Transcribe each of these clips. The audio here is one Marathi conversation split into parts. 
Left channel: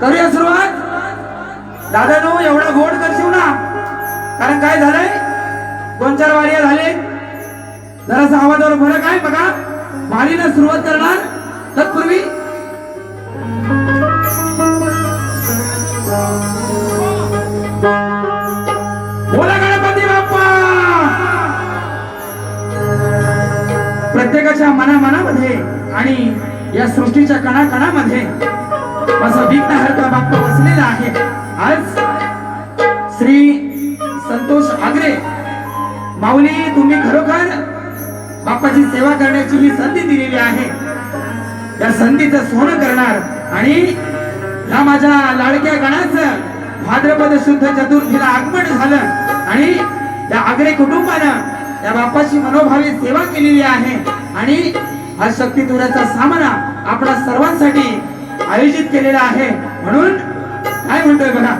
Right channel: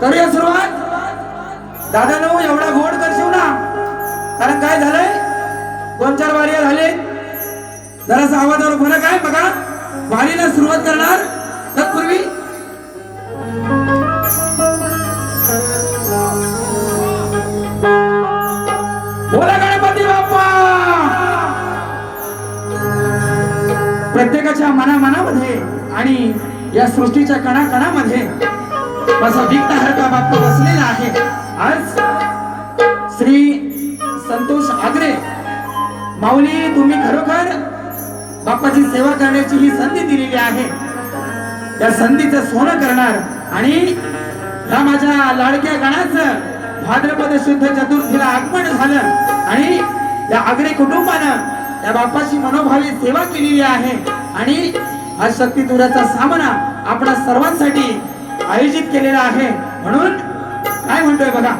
करूया सुरुवात. दादानो एवढा गोड करशील ना, कारण काय झालंय, 2-4 वारिया झाले, जरासा आवाजावर फरक आहे बघा. वारीला सुरुवात करणार तत्पूर्वी बोला गणपती बाप्पा. प्रत्येकाच्या मनामध्ये आणि या सृष्टीच्या कणाकणामध्ये असा विघ्नहर्ता बाप्पा बसलेला आहे. आज श्री संतोष आगरे माऊली, तुम्ही खरोखर बाप्पाची सेवा करण्याची ही संधी दिलेली आहे. या संधीचं सोनं करणार आणि या माझ्या लाडक्या गणाचं भाद्रपद शुद्ध चतुर्थीला आगमन झालं आणि या आगरे कुटुंबानं या बाप्पाची मनोभावी सेवा केलेली आहे आणि हा शक्ती तुऱ्याचा सामना आपल्या सर्वांसाठी आयोजित केलेला आहे. म्हणून काय म्हणतोय बघा,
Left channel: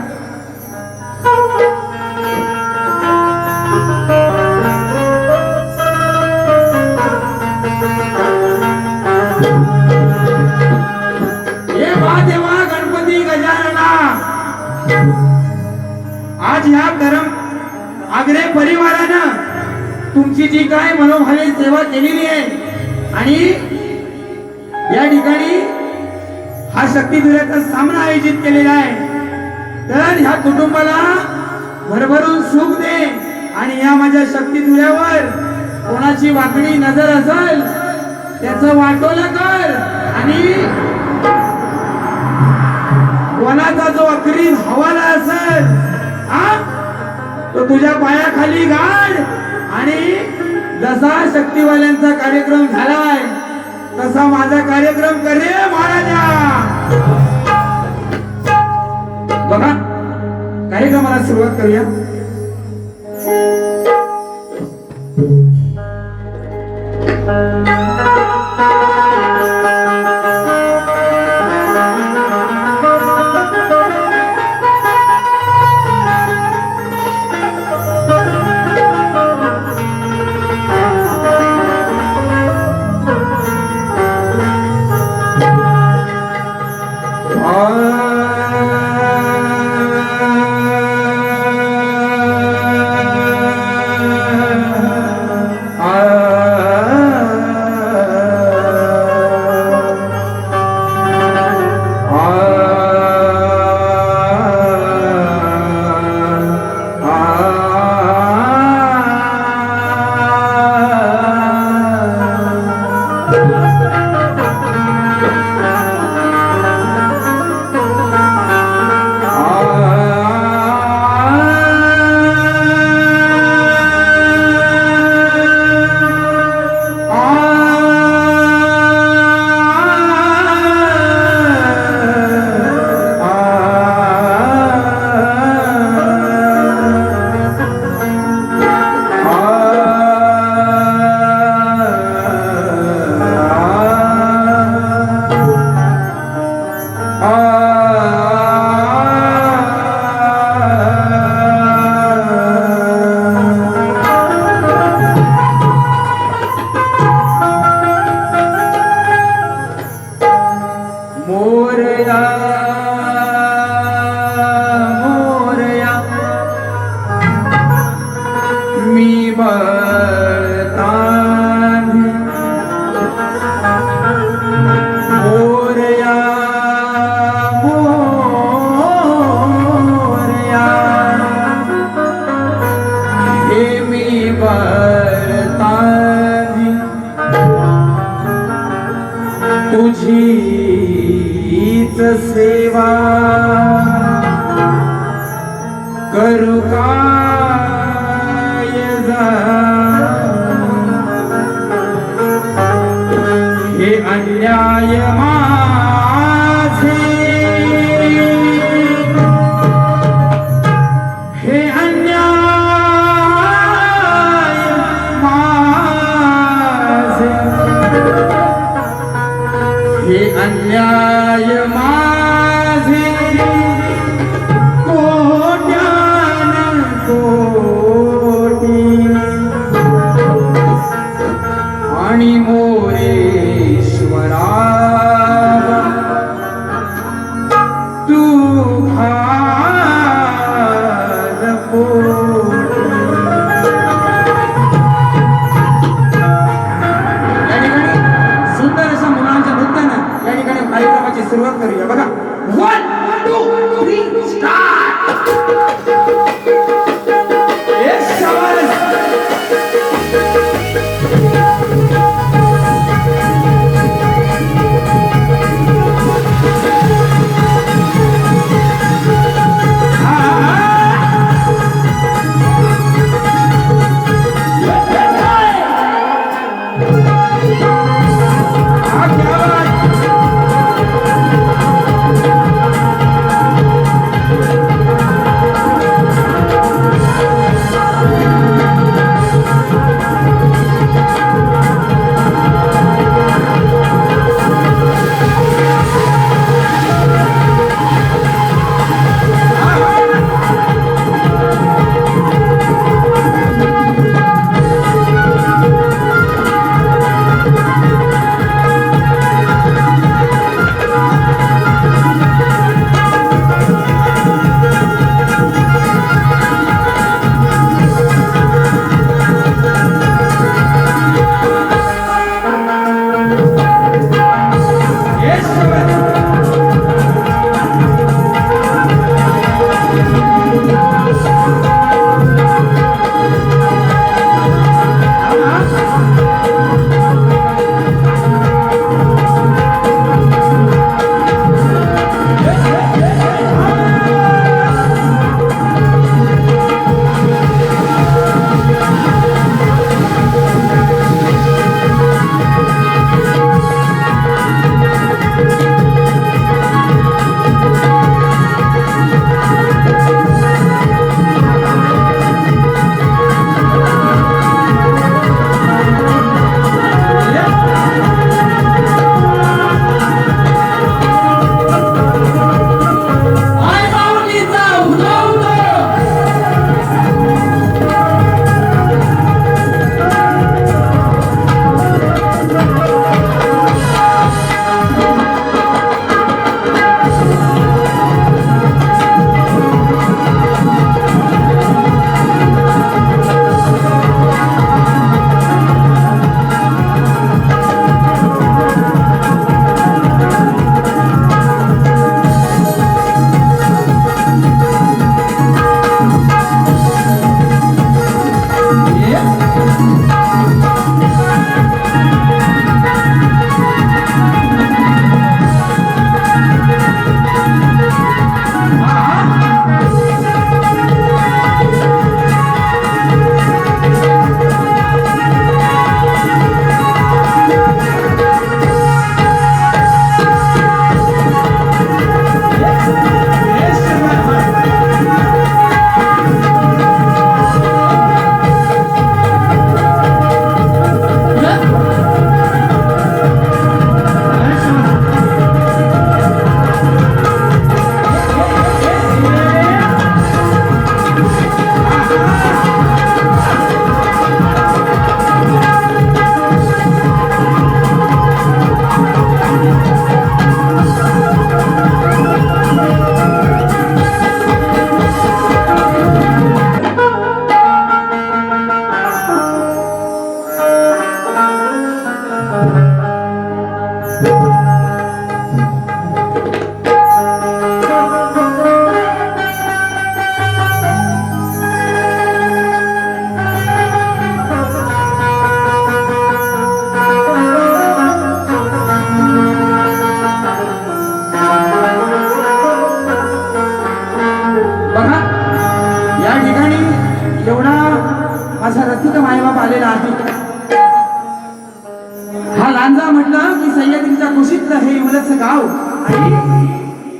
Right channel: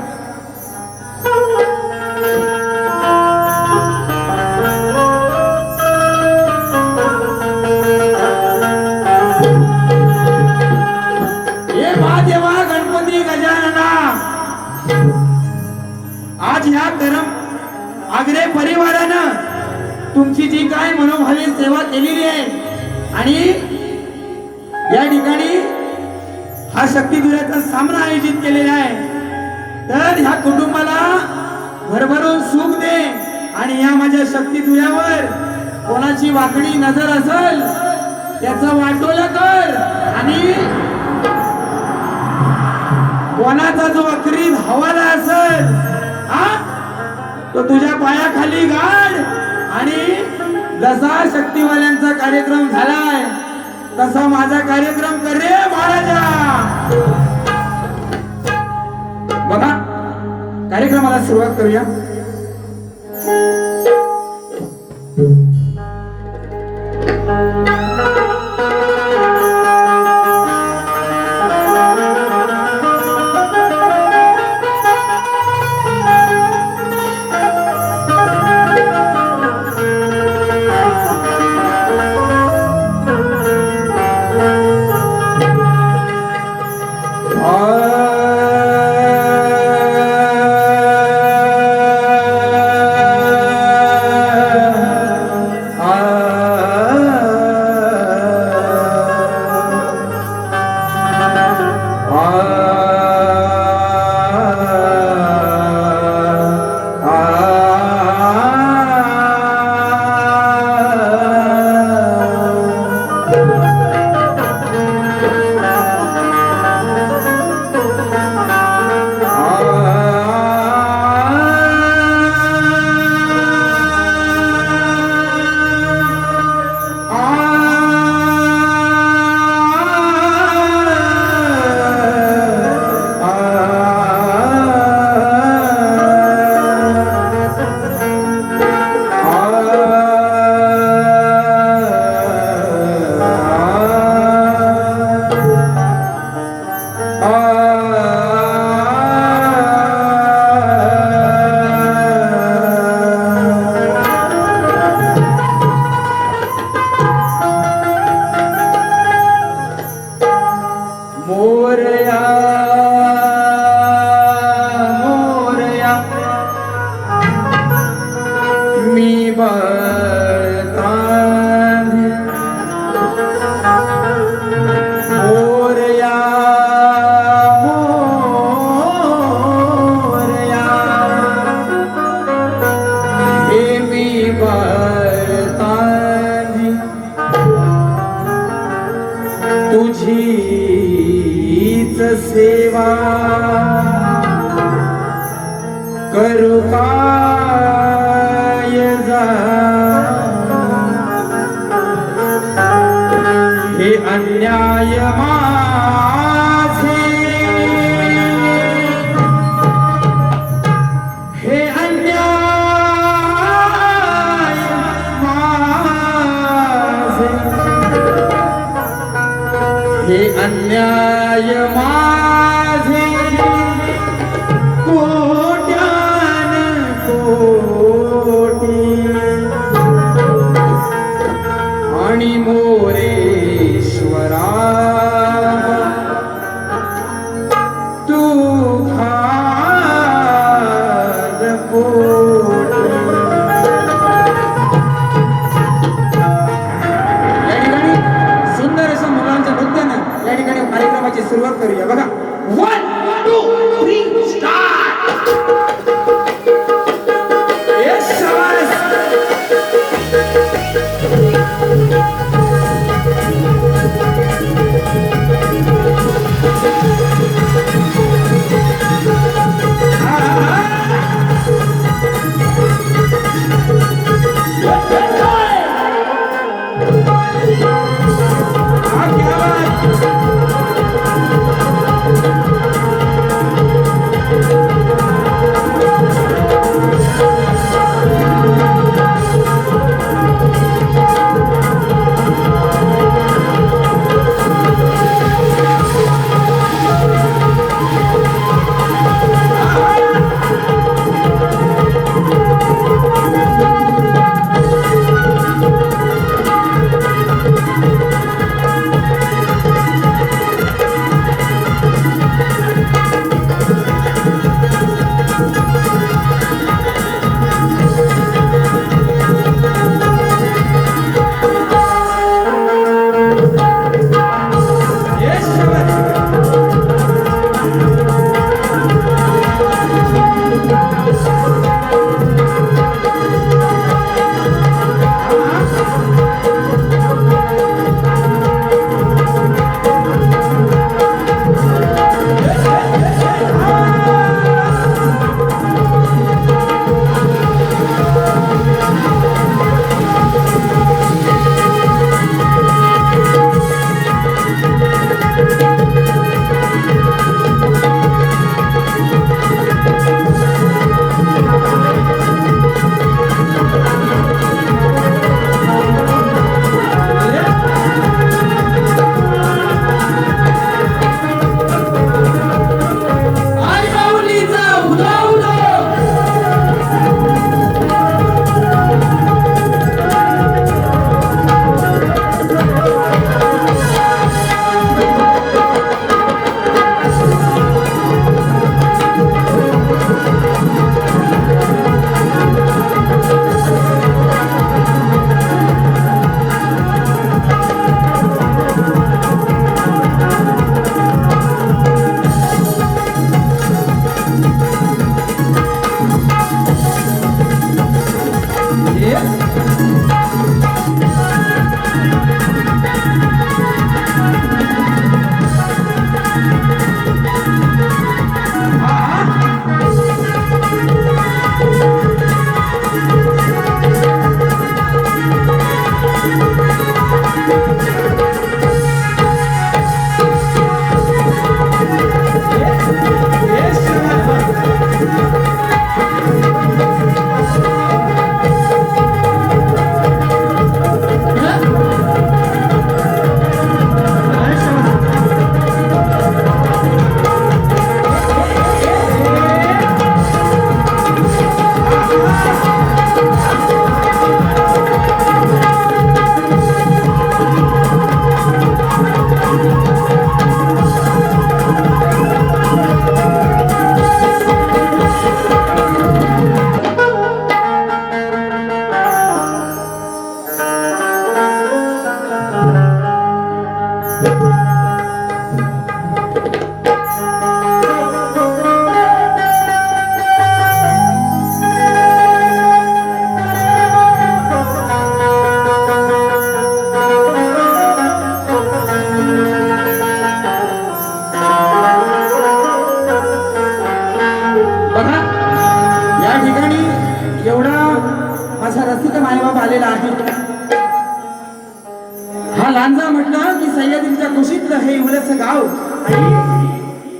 देवा गणपती गजानना, आज ह्या गरम आगरे परिवारानं तुमची जी काय मनोभावी सेवा केलेली आहे आणि या ठिकाणी हा शक्ती दुर्याचा सामना आयोजित केलेला आहे, तर ह्या कुटुंबाला भरभरून सुख दे आणि या माझ्या शक्ती दुर्यावर कोणाची वाकडी नजर असेल त्याचं वाटोलं कर आणि कोणाचा जो अखरी हवाला असेल तो तुझ्या पायाखाली गाड आणि जसा शक्तीवाल्यांचा कार्यक्रम झालाय तसा माझा कार्यक्रम करे महाराजा. बघा कार्यक्रमाला सुरुवात करूया. तुझीच सेवा करू काय जा, हे अन्याय माझे, हे अन्याय माझे, हे अन्याय माझे, कोट्यान तू भार पोटी. या ठिकाणी सुंदर अशा मुलांच्या नृत्यानं या ठिकाणी कार्यक्रमाची सुरुवात करूया बघा. 1 2 3 स्टार्ट. येस शाबास.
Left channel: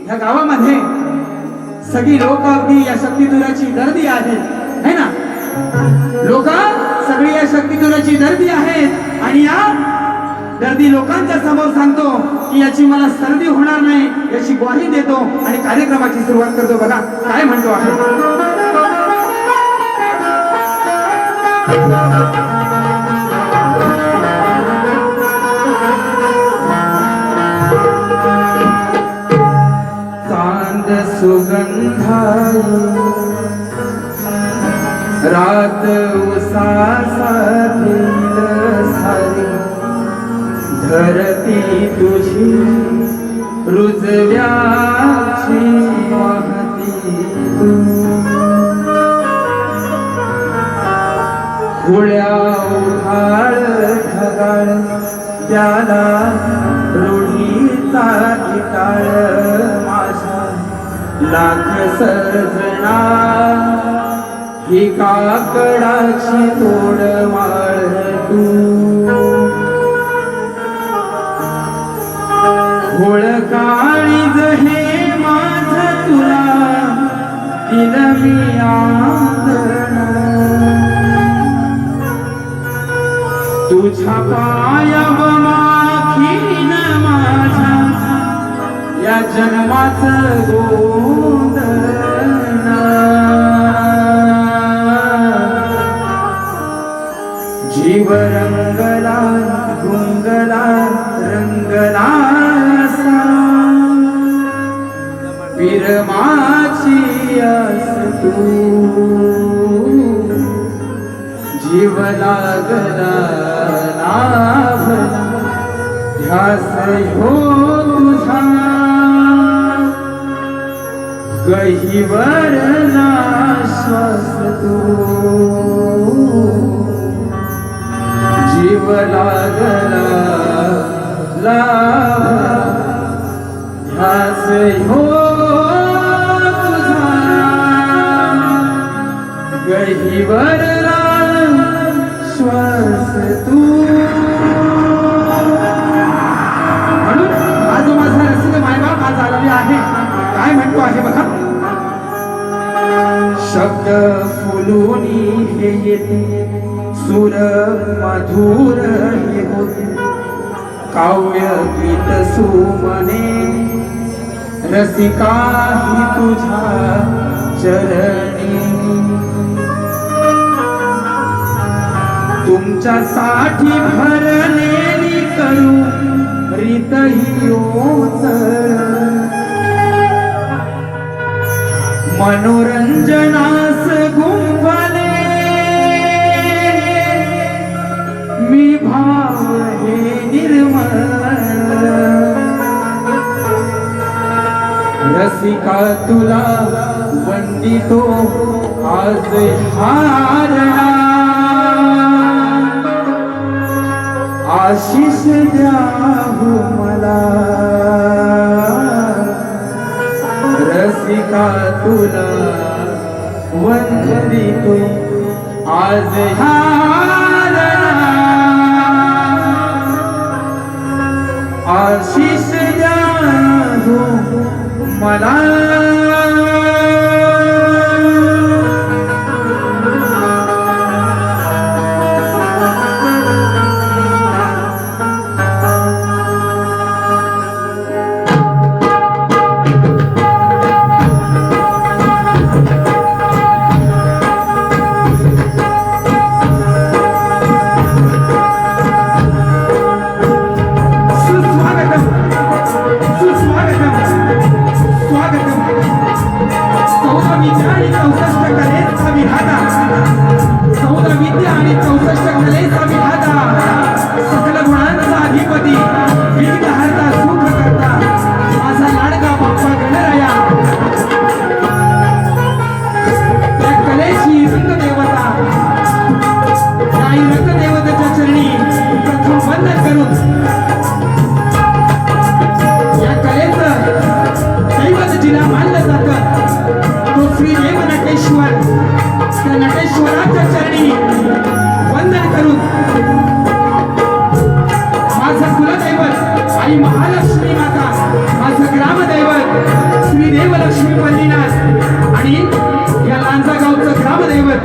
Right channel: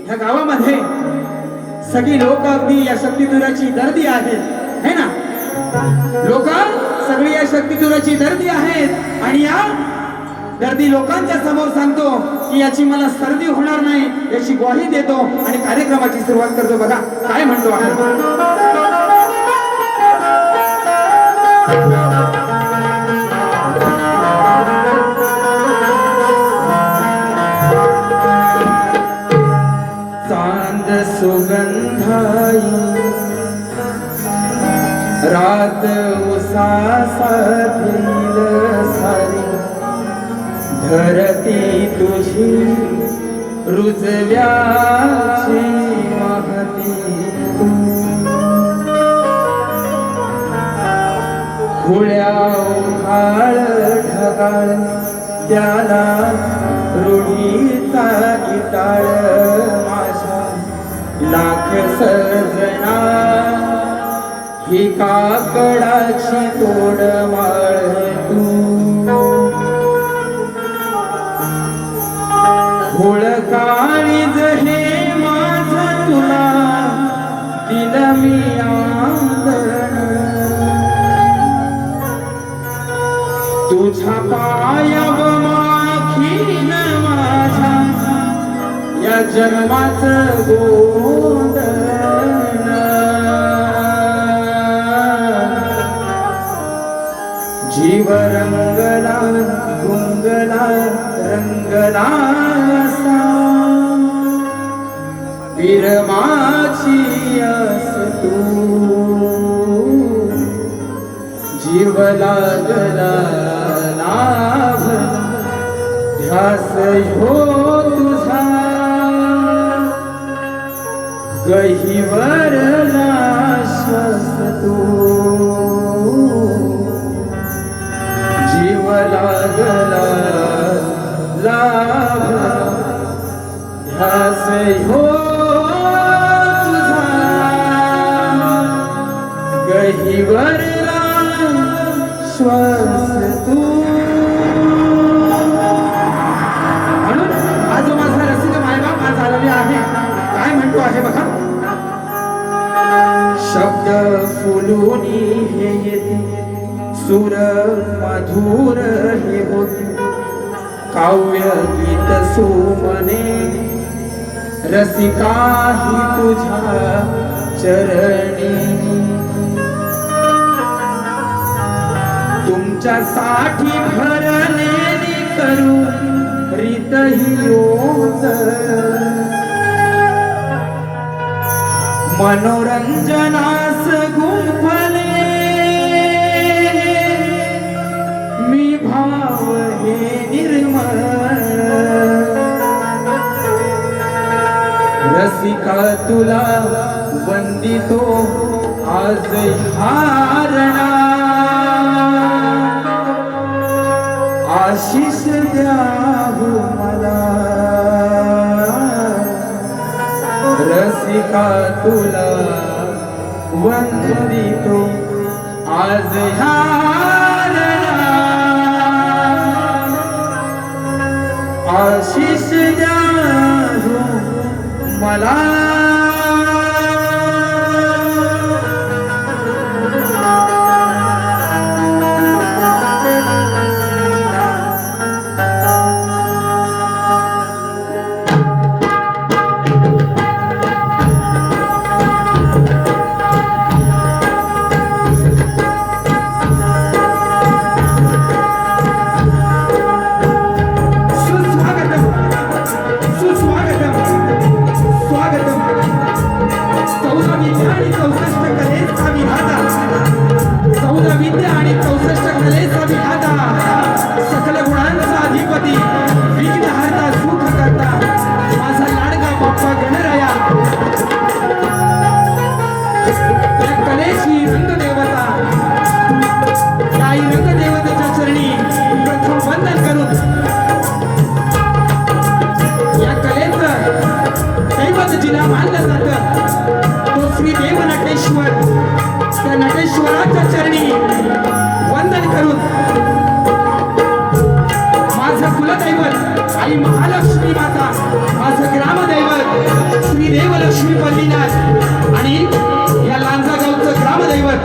या गावामध्ये सगळी लोक अगदी या शक्तिधुराची दर्दी आहेत है ना। लोक सगळी या शक्तिधुराची दर्दी आहेत आणि या दर्दी लोकांच्या समोर सांगतो की याची मला सर्दी होणार नाही याची ग्वाही देतो आणि कार्यक्रमाची सुरुवात करतो। बघा काय म्हणतो आहे। चांद मंद सुगंधाई रात उसासातील सारी धरती तुझी रुजव्याची महती तू खुळ्या उहाळ ढगाळ त्याला रूढीचा इटाळ माझा लाख सजना ही काकडाची तोड माळ तू खोळ काळीज हे माझ तुला दिलं मी आदर तुझ्या पायाव माखीन माझ्या या जन्माचं गोंधळ जीव रंगला गुंगला रंगला असा विरमाची आस तू जीव लागला लाभला ध्यास हो तुझा गहिवरला श्वास तू जीव लागला लाभला ध्यास हो तुझा गहिवरला श्वास तू म्हणून आज माझा रसिक मायबाप आज आलेले आहे. काय म्हणतो आहे बघा. शब्द फुलूनी हे येते सुर मधुर हे होते काव्य गीत सुमने रसिका ही तुझ्या चरणी तुमच्यासाठी भरलेली करू रीत ही ओझर मनोरंजनास गुंफले मी भाव हे निर्मळ रसिका तुला वंदितो आज हारणा आशीष द्याहू मला रसिका तुला वंदितो आज हारणा आशीष द्याहू मला सकल गुणांचा अधिपती विघ्नहर्ता सुख करता माझा लाडका बाप्पा गणराया त्या कलेची रंगदेवता त्या रंगदेवतेच्या चरणी प्रथम वंदन करून या कलेचं दैवत जिला मानलं जातं तो श्री देव नटेश्वर त्या नटेश्वराच्या चरणी वंदन करून माझं कुलदैवत आई महालक्ष्मी माता माझं ग्रामदैवत श्री देवलक्ष्मी पल्लीनाथ आणि या लांजा गावचं ग्रामदैवत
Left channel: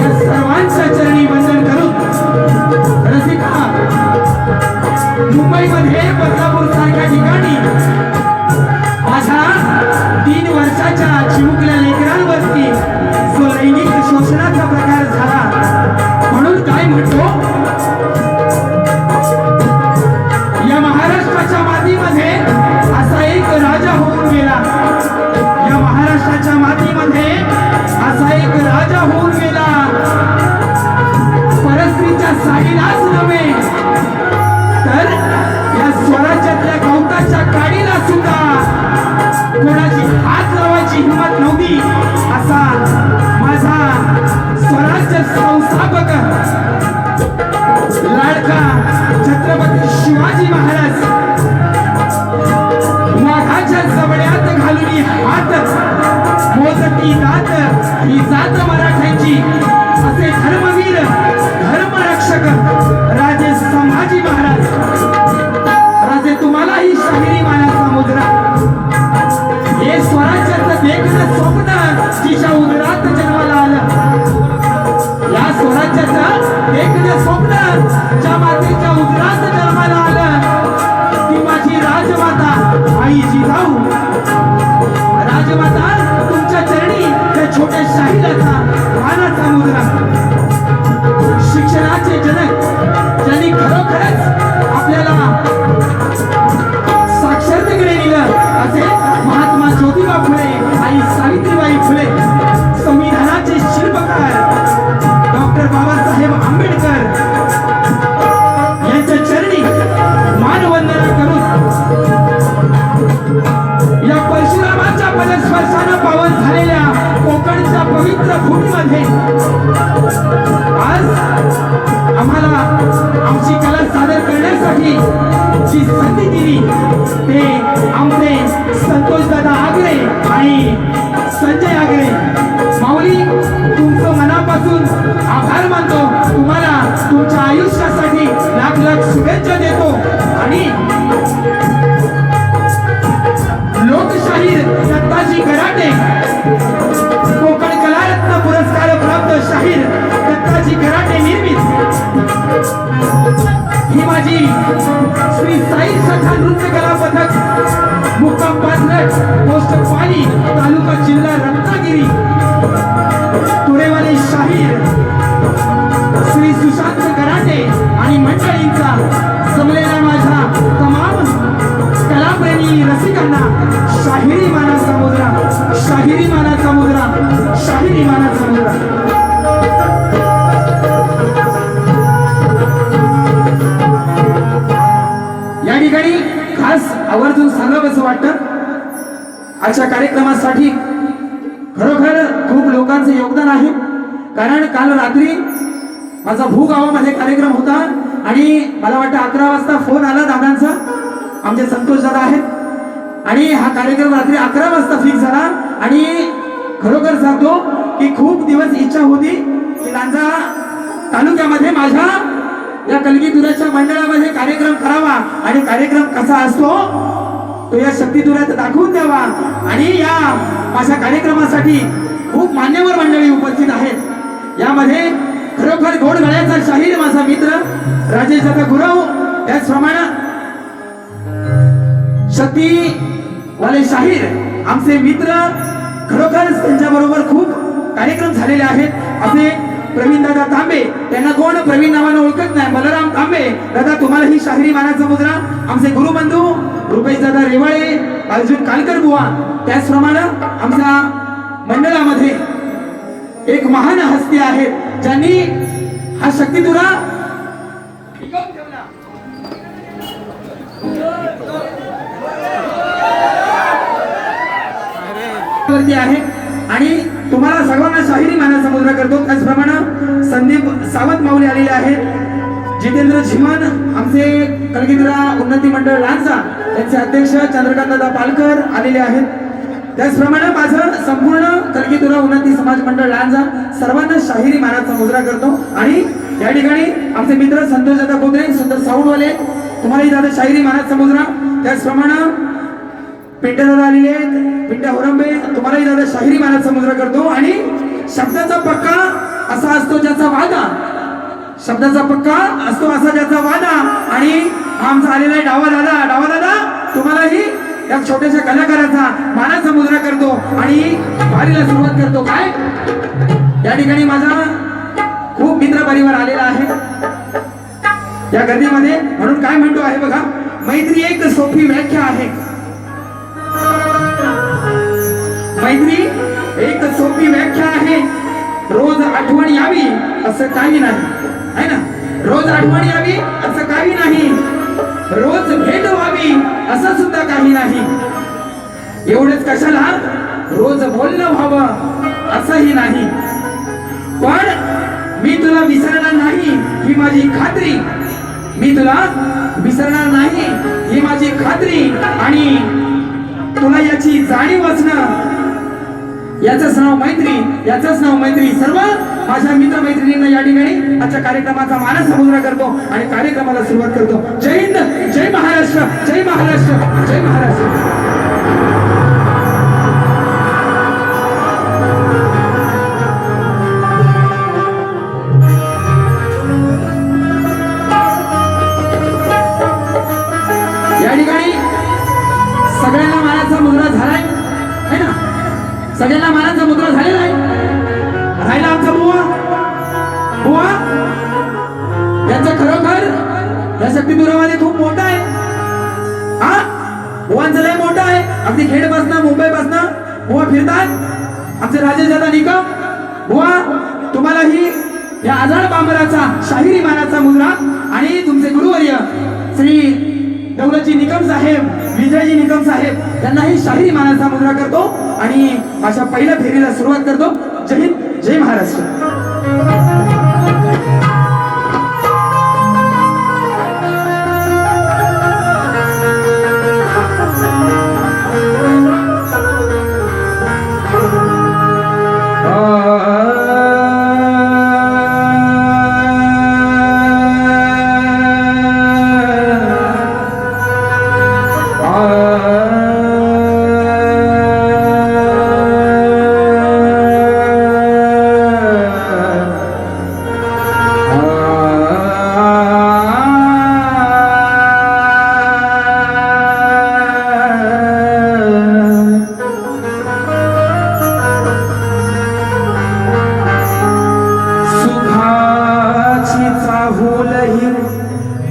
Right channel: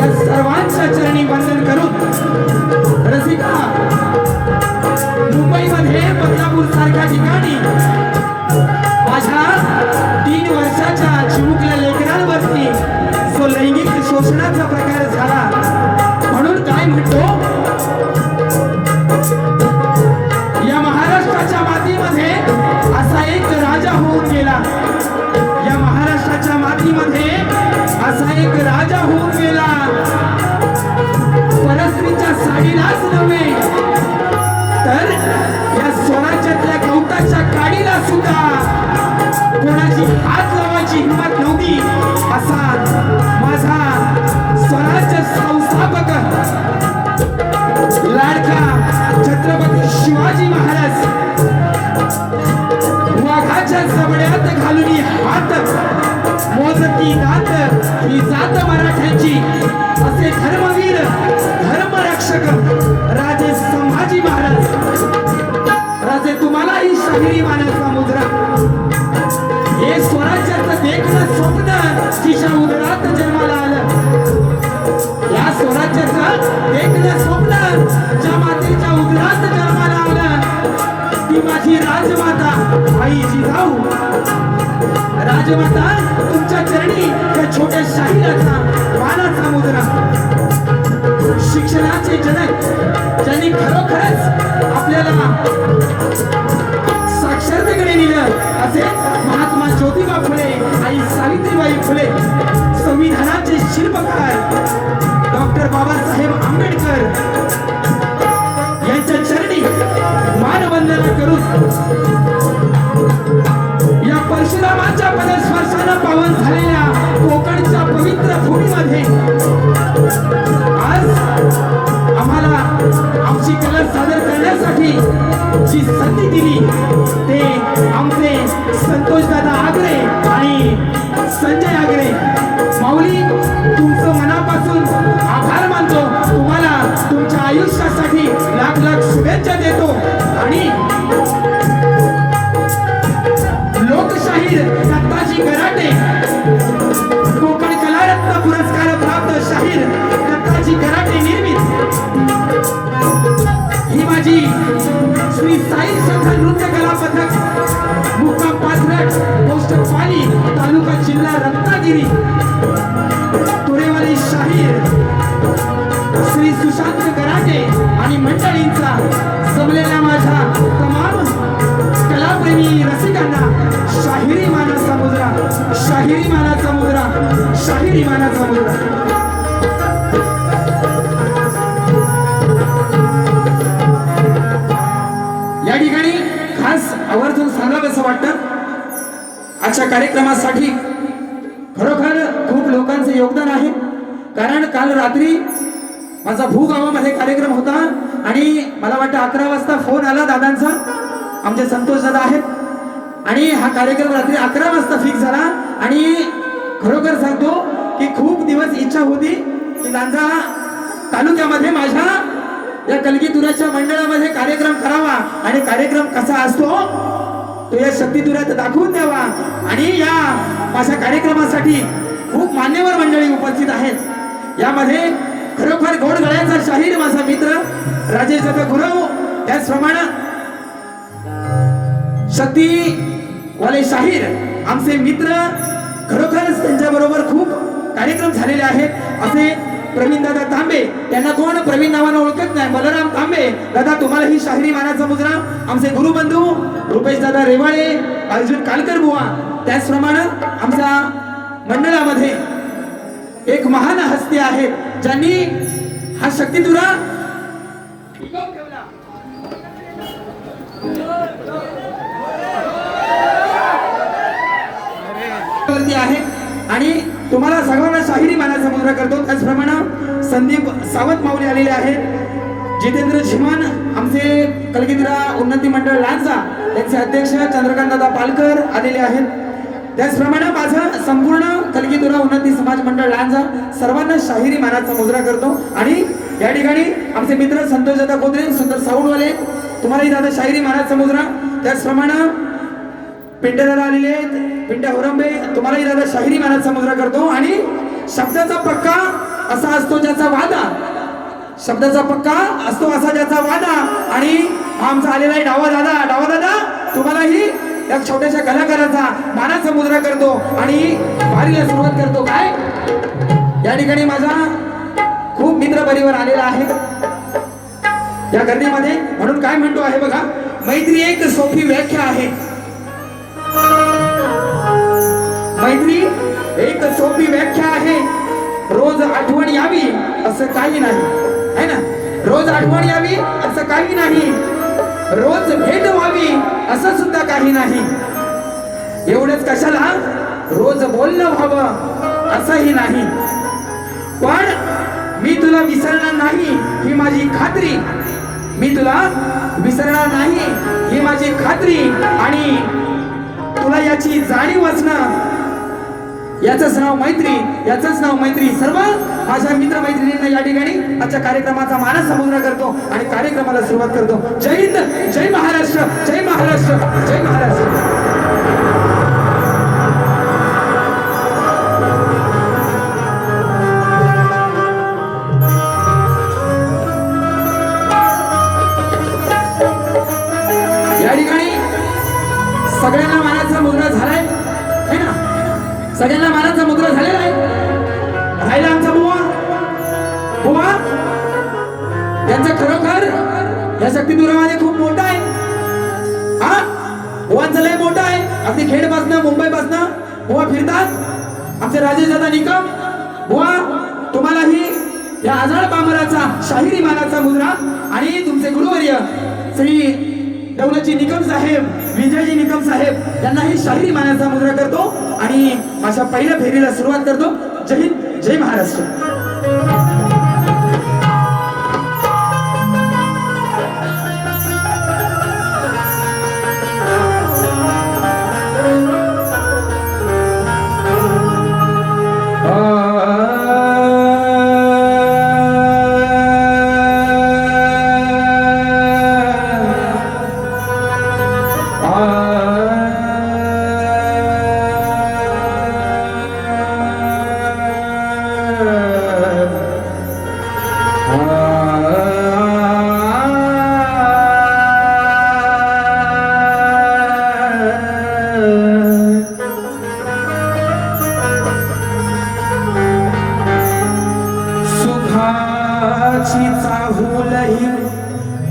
या सर्वांच्या चरणी वंदन करून रसिका मुंबईमध्ये बदलापूर सारख्या ठिकाणी माझ्या 3 वर्षाच्या चिमुकल्या लेकरांवरती जो लैंगिक शोषणाचा प्रकार झाला म्हणून काय म्हणतो या महाराष्ट्राच्या मातीमध्ये असा एक राजा होऊन गेला परशुरामांच्या पदस्पर्शानं पावन झालेल्या कोकणच्या पवित्र भूमीमध्ये आज आम्हाला आमची कला सादर करण्यासाठी जी संधी दिली ते आमचे संतोष दादा आगरे आणि संजय आगरे माऊली, तुमचं मनापासून आभार मानतो. तुम्हाला तुमच्या आयुष्यासाठी लाख लाख शुभेच्छा देतो. आणि लोकशाहीर दत्ताजी कराटे, कोकण कलारत्न पुरस्कार प्राप्त शाहीर दत्ताजी कराटे निर्मित ही माझी श्री साई सखा नृत्य कला पथक मुक्काम पाथरट पोस्ट पाली तालुका जिल्हा रत्नागिरी तुरेवाली शाहीर श्री सुशांत कराटे आणि मंडळींचा जमलेल्या माझ्या तमाम कलाप्रेमी रसिकांना शाहिरी मानाचा मुद्रा, शाहिरी मानाचा मुद्रा, शाहिरी मानाचा मुद्रा. या ठिकाणी खास आवर्जून सांगावंसं वाटतं, आजच्या कार्यक्रमासाठी खरोखर खूप लोकांचे योगदान आहे. कारण काल रात्री माझा भूगावामध्ये कार्यक्रम होता आणि मला वाटतं 11 वाजता फोन आला दादांचा, आमचे संतोष दादा आहेत आणि हा कार्यक्रम रात्री 11 वाजता फिक्स झाला. आणि खरोखर सांगतो की खूप दिवस इच्छा होती की लांजा तालुक्यामध्ये माझ्या या कलगीतुराच्या मंडळामध्ये कार्यक्रम करावा आणि कार्यक्रम कसा असतो तो या शक्तीतुरात दाखवून द्यावा. आणि या माझ्या कार्यक्रमासाठी खूप मान्यवर मंडळी उपस्थित आहेत. यामध्ये खरोखर गोड गळ्याचा शाहीर माझा मित्र राजेश दादा गुरव, त्याचप्रमाणे शक्तीवाले शाहीर आमचे मित्र, खरोखर त्यांच्या बरोबर खूप कार्यक्रम झालेले आहेत असे प्रवीण दादा तांबे, त्यांना कोण प्रवीण नावानं ओळखत नाही, बलराम तांबे दादा, तुम्हाला ही शाहिरी मानाचा मुद्रा. आमचे गुरुबंधू रुपेश दादा रेवाळे, अर्जुन कालकर बुवा, त्याचप्रमाणे आमच्या मंडळामध्ये एक महान हस्ती आहेत ज्यांनी हा शक्तीतुरा टिकवून ठेवला. आहे आणि तुम्हाला सर्वांना शाहिरी मानाचा मुद्रा करतो. त्याचप्रमाणे संदीप सावंत माऊली आलेले आहेत, जितेंद्र झिमन आमचे कलगीतुरा उन्नती मंडळ लांजा त्यांचे अध्यक्ष चंद्रकांत दादा पालकर आलेले आहेत. त्याचप्रमाणे माझं संपूर्ण कलगीतुरा उन्नती समाज मंडळ लांजा सर्वांना शाहिरी मानाचा मुद्रा करतो. आणि या ठिकाणी आमचे मित्र संतोष दादा कोदरे, सुंदर साऊंडवाले, तुम्हालाही दादा शाहिरी मानाचा मुद्रा. त्याचप्रमाणे पिंट्या दादा आलेले आहेत, पिंट्या होरंबे, तुम्हालाही दादा शाहिरी मानाचा मुद्रा करतो. आणि शब्दाचा पक्का असा असतो ज्याचा वादा, शब्दाचा पक्का असतो असा ज्याचा वादा. आणि आमचा आलेला आहे डावा दादा, डावा दादा तुम्हालाही या छोट्याशा कलाकाराचा मानाचा मुद्रा करतो आणि वारीला सुरुवात करतो. काय या ठिकाणी माझा खूप मित्र परिवार आलेला आहे या गर्दीमध्ये, म्हणून काय म्हणतो आहे बघा, मैत्री एक सोपी व्याख्या आहे, मैत्री एक सोपी व्याख्या आहे, रोज आठवण यावी असं काही नाही, है ना, रोज आठवण यावी असं काही नाही, रोज भेट व्हावी असं सुद्धा काही नाही, एवढंच कशाला रोज बोलणं व्हावं असंही नाही, पण मी तुला विसरणार नाही ही माझी खात्री, मी तुला विसरणार नाही ही माझी खात्री. आणि तुला याची जाणीव असणं, याचंच नाव मैत्री, याचंच नाव मैत्री. सर्व माझ्या मित्र मैत्रिणींना या ठिकाणी आजच्या कार्यक्रमाचा मानस समुद्र करतो आणि कार्यक्रमाला सुरुवात करतो. जय हिंद, जय महाराष्ट्र, जय महाराष्ट्र, जय महाराष्ट्र. या ठिकाणी सगळ्यांना मानाचा मुद्रा झालाय, है ना, सगळ्यांना मानाचा मुद्रा झालेला आहे. राहिला आमचा बुवा, बुवा यांचं खरोखर या शक्तीतुरामध्ये खूप मोठा आहे. हा बुवांचं लय मोठं आहे, अगदी खेडपासनं मुंबईपासनं बुवा फिरतात. आमचे राजेश दादा निकम बुवा, तुम्हालाही या आजाड बांबराचा शाहिरी मानाचा मुद्रा आणि तुमचे गुरुवर्य श्री दौलतजी निकम साहेब, विजयजी निकम साहेब यांनाही शाहिरी मानाचा मुद्रा करतो आणि अशा पहिल्या फेरीला सुरुवात करतो. जय हिंद, जय महाराष्ट्र.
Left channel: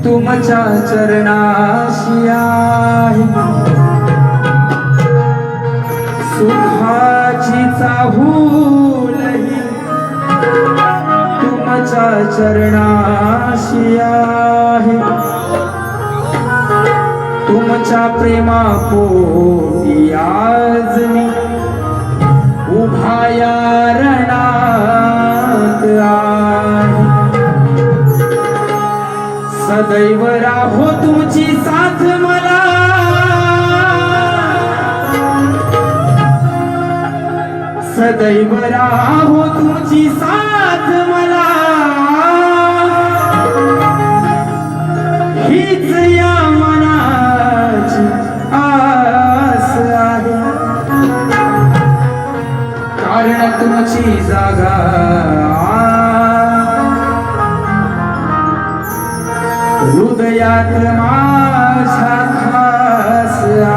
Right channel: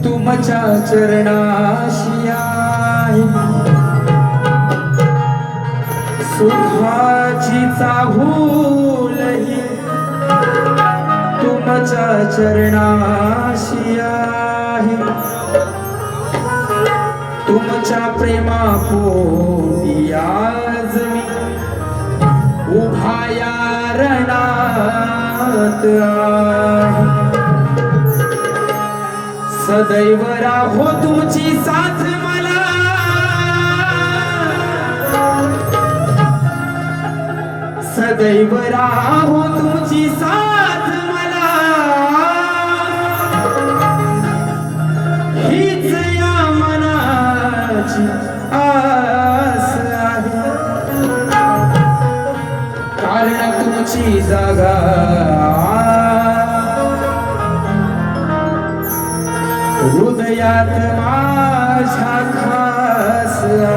तुमच्या चरणाशी आहे, सुखाची चाहूलही तुमच्या चरणाशी आहे. तुमच्या प्रेमापोटी आज मी उभा या रणात आहे. सदैव राहो तुमची साथ मला, सदैव राहो तुमची साथ मला, हीच या मनाची आस आहे. कारण तुमची जागा हृदयात माझ्या खास आहे.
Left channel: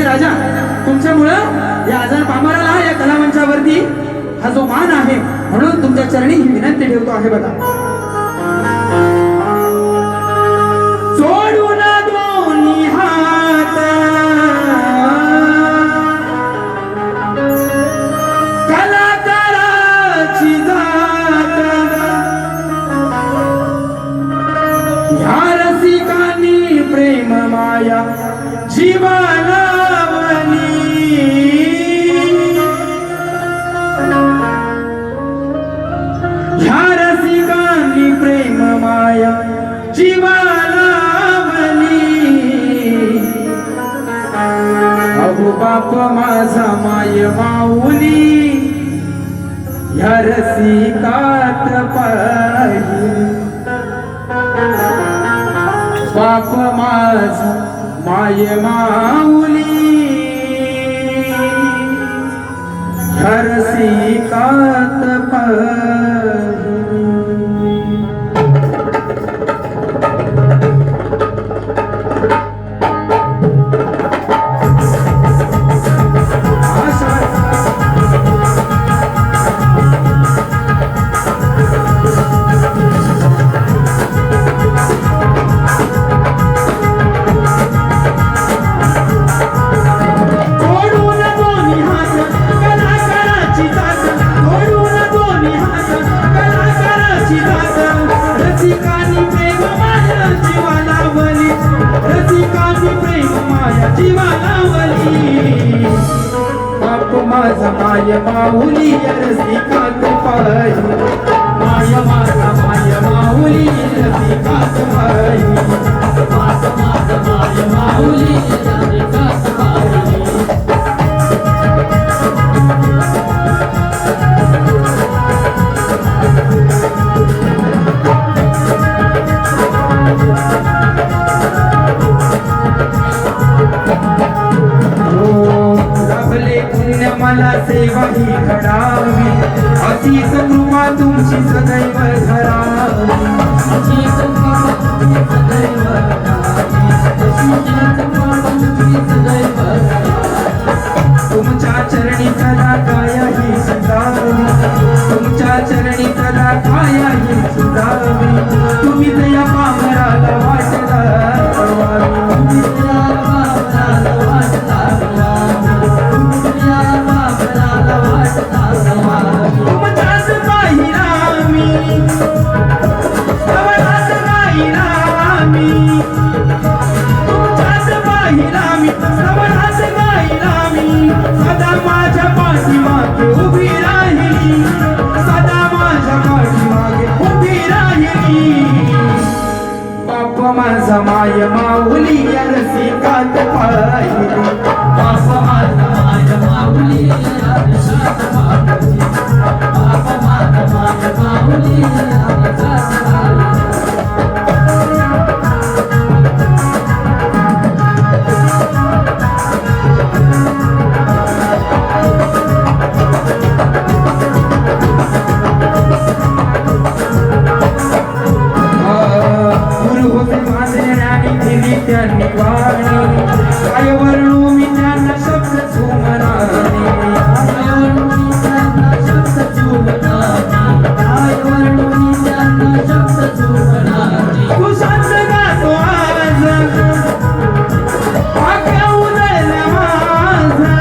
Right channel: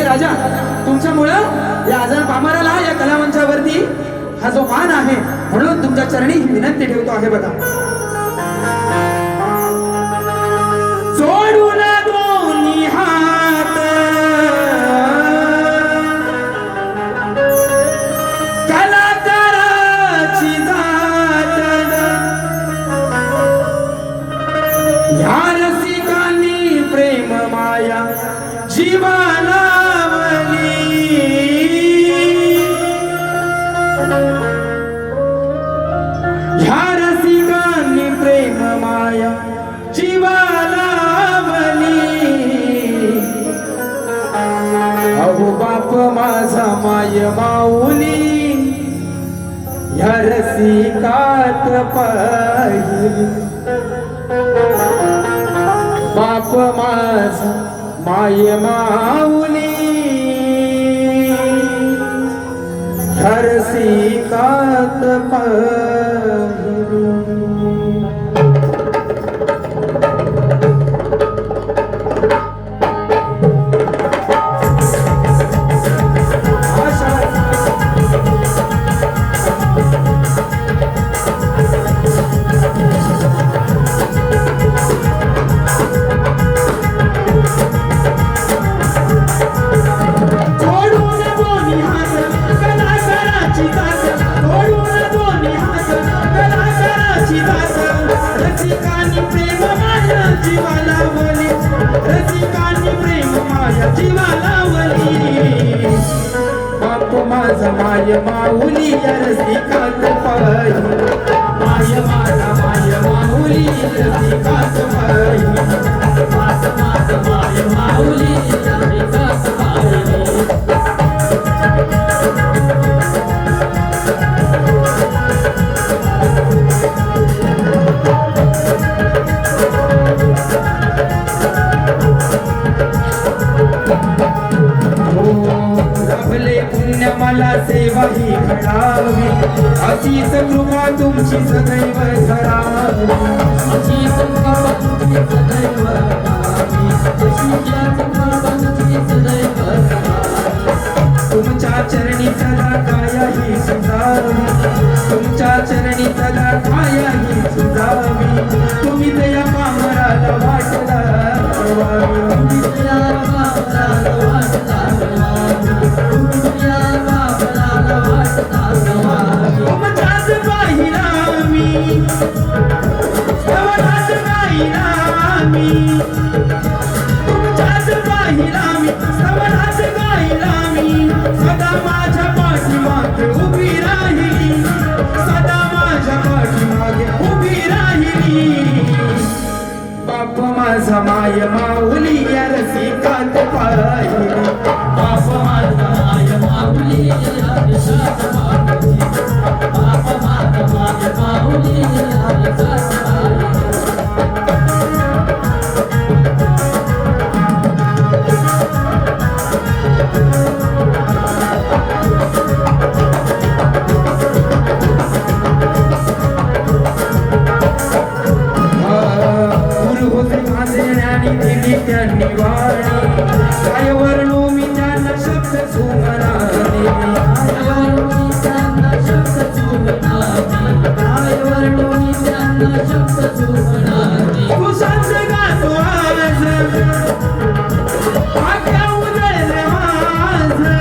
राजा, तुमच्यामुळं या आजार पामराला या कलामंचावरती हा जो मान आहे, म्हणून तुमच्या चरणी ही विनंती ठेवतो आहे. बघा, सोडून दोन्ही हात कलाकाराची जात, ह्या रसिकांनी प्रेम माया जीवाला ह्या रसिकांनी प्रेम माया जीवाला अहो बाप माझा माय माऊली ह्या रसिकात पाहिली. बाप माझा माय माऊली ह्या रसिकात पाहिली. रसिकांनी प्रेम माया जीवालावली, रसिकांनी प्रेम माया जीवालावली. बाप माझा माय माऊली या रसिकात पाहिली. माय माझा माय माऊली रसिकात पाहिली. बाप माझा माय माऊली रसिकात पाहिली. मला सेवा ही घडावी, सदैव धरावी तुमच्या चरणी सदा कायाही सुधावी तुमच्या चरणी सदा कायाही सुधावी तुम्ही दया पामराला वाटला तुमच्याच पाहिला मी सवनात गाईला मी तुमच्याच पाहिला मी सवनात गाईला मी सदा माझ्या पाठीमागे उभी राहिली सदा माझ्या पाठीमागे उभी राहिली बाप माझा माय माऊली रसिकात पाहिली बाप माझा माय माऊली रसिकात पाहिली बाप माझा माय माऊली रसिकात त्यांनी वाणी काय वर्णू मी त्यांना शब्द सुमनाने तू शांत गातो आज भाग्य उदयन माझा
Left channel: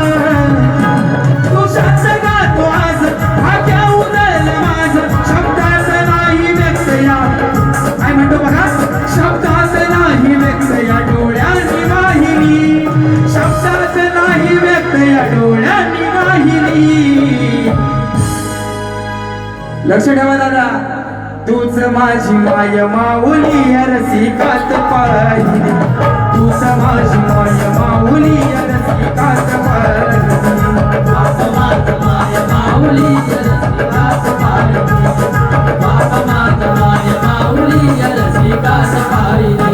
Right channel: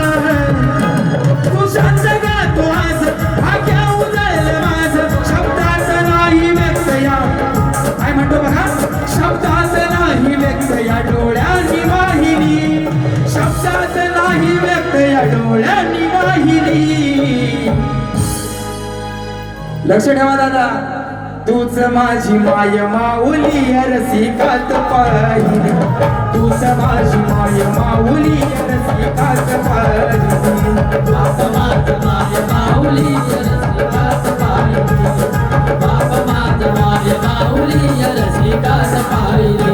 तू शांत गातो आज भाग्य उदयन माझ शब्दात नाही व्यक्त या काय म्हणतो बघा शब्दात नाही व्यक्त या डोळ्यांनी वाहिली शब्दात नाही व्यक्त या डोळ्यांनी वाहिली लक्ष ठेवा दादा तूच माझी माय माऊली रसिकात पाहिली तूच माझी माय माऊली रसिकात पाहिली बाप माझ माय माऊली रसिकात पाहिली बाप माझ माय माऊली रसिकात पाहिली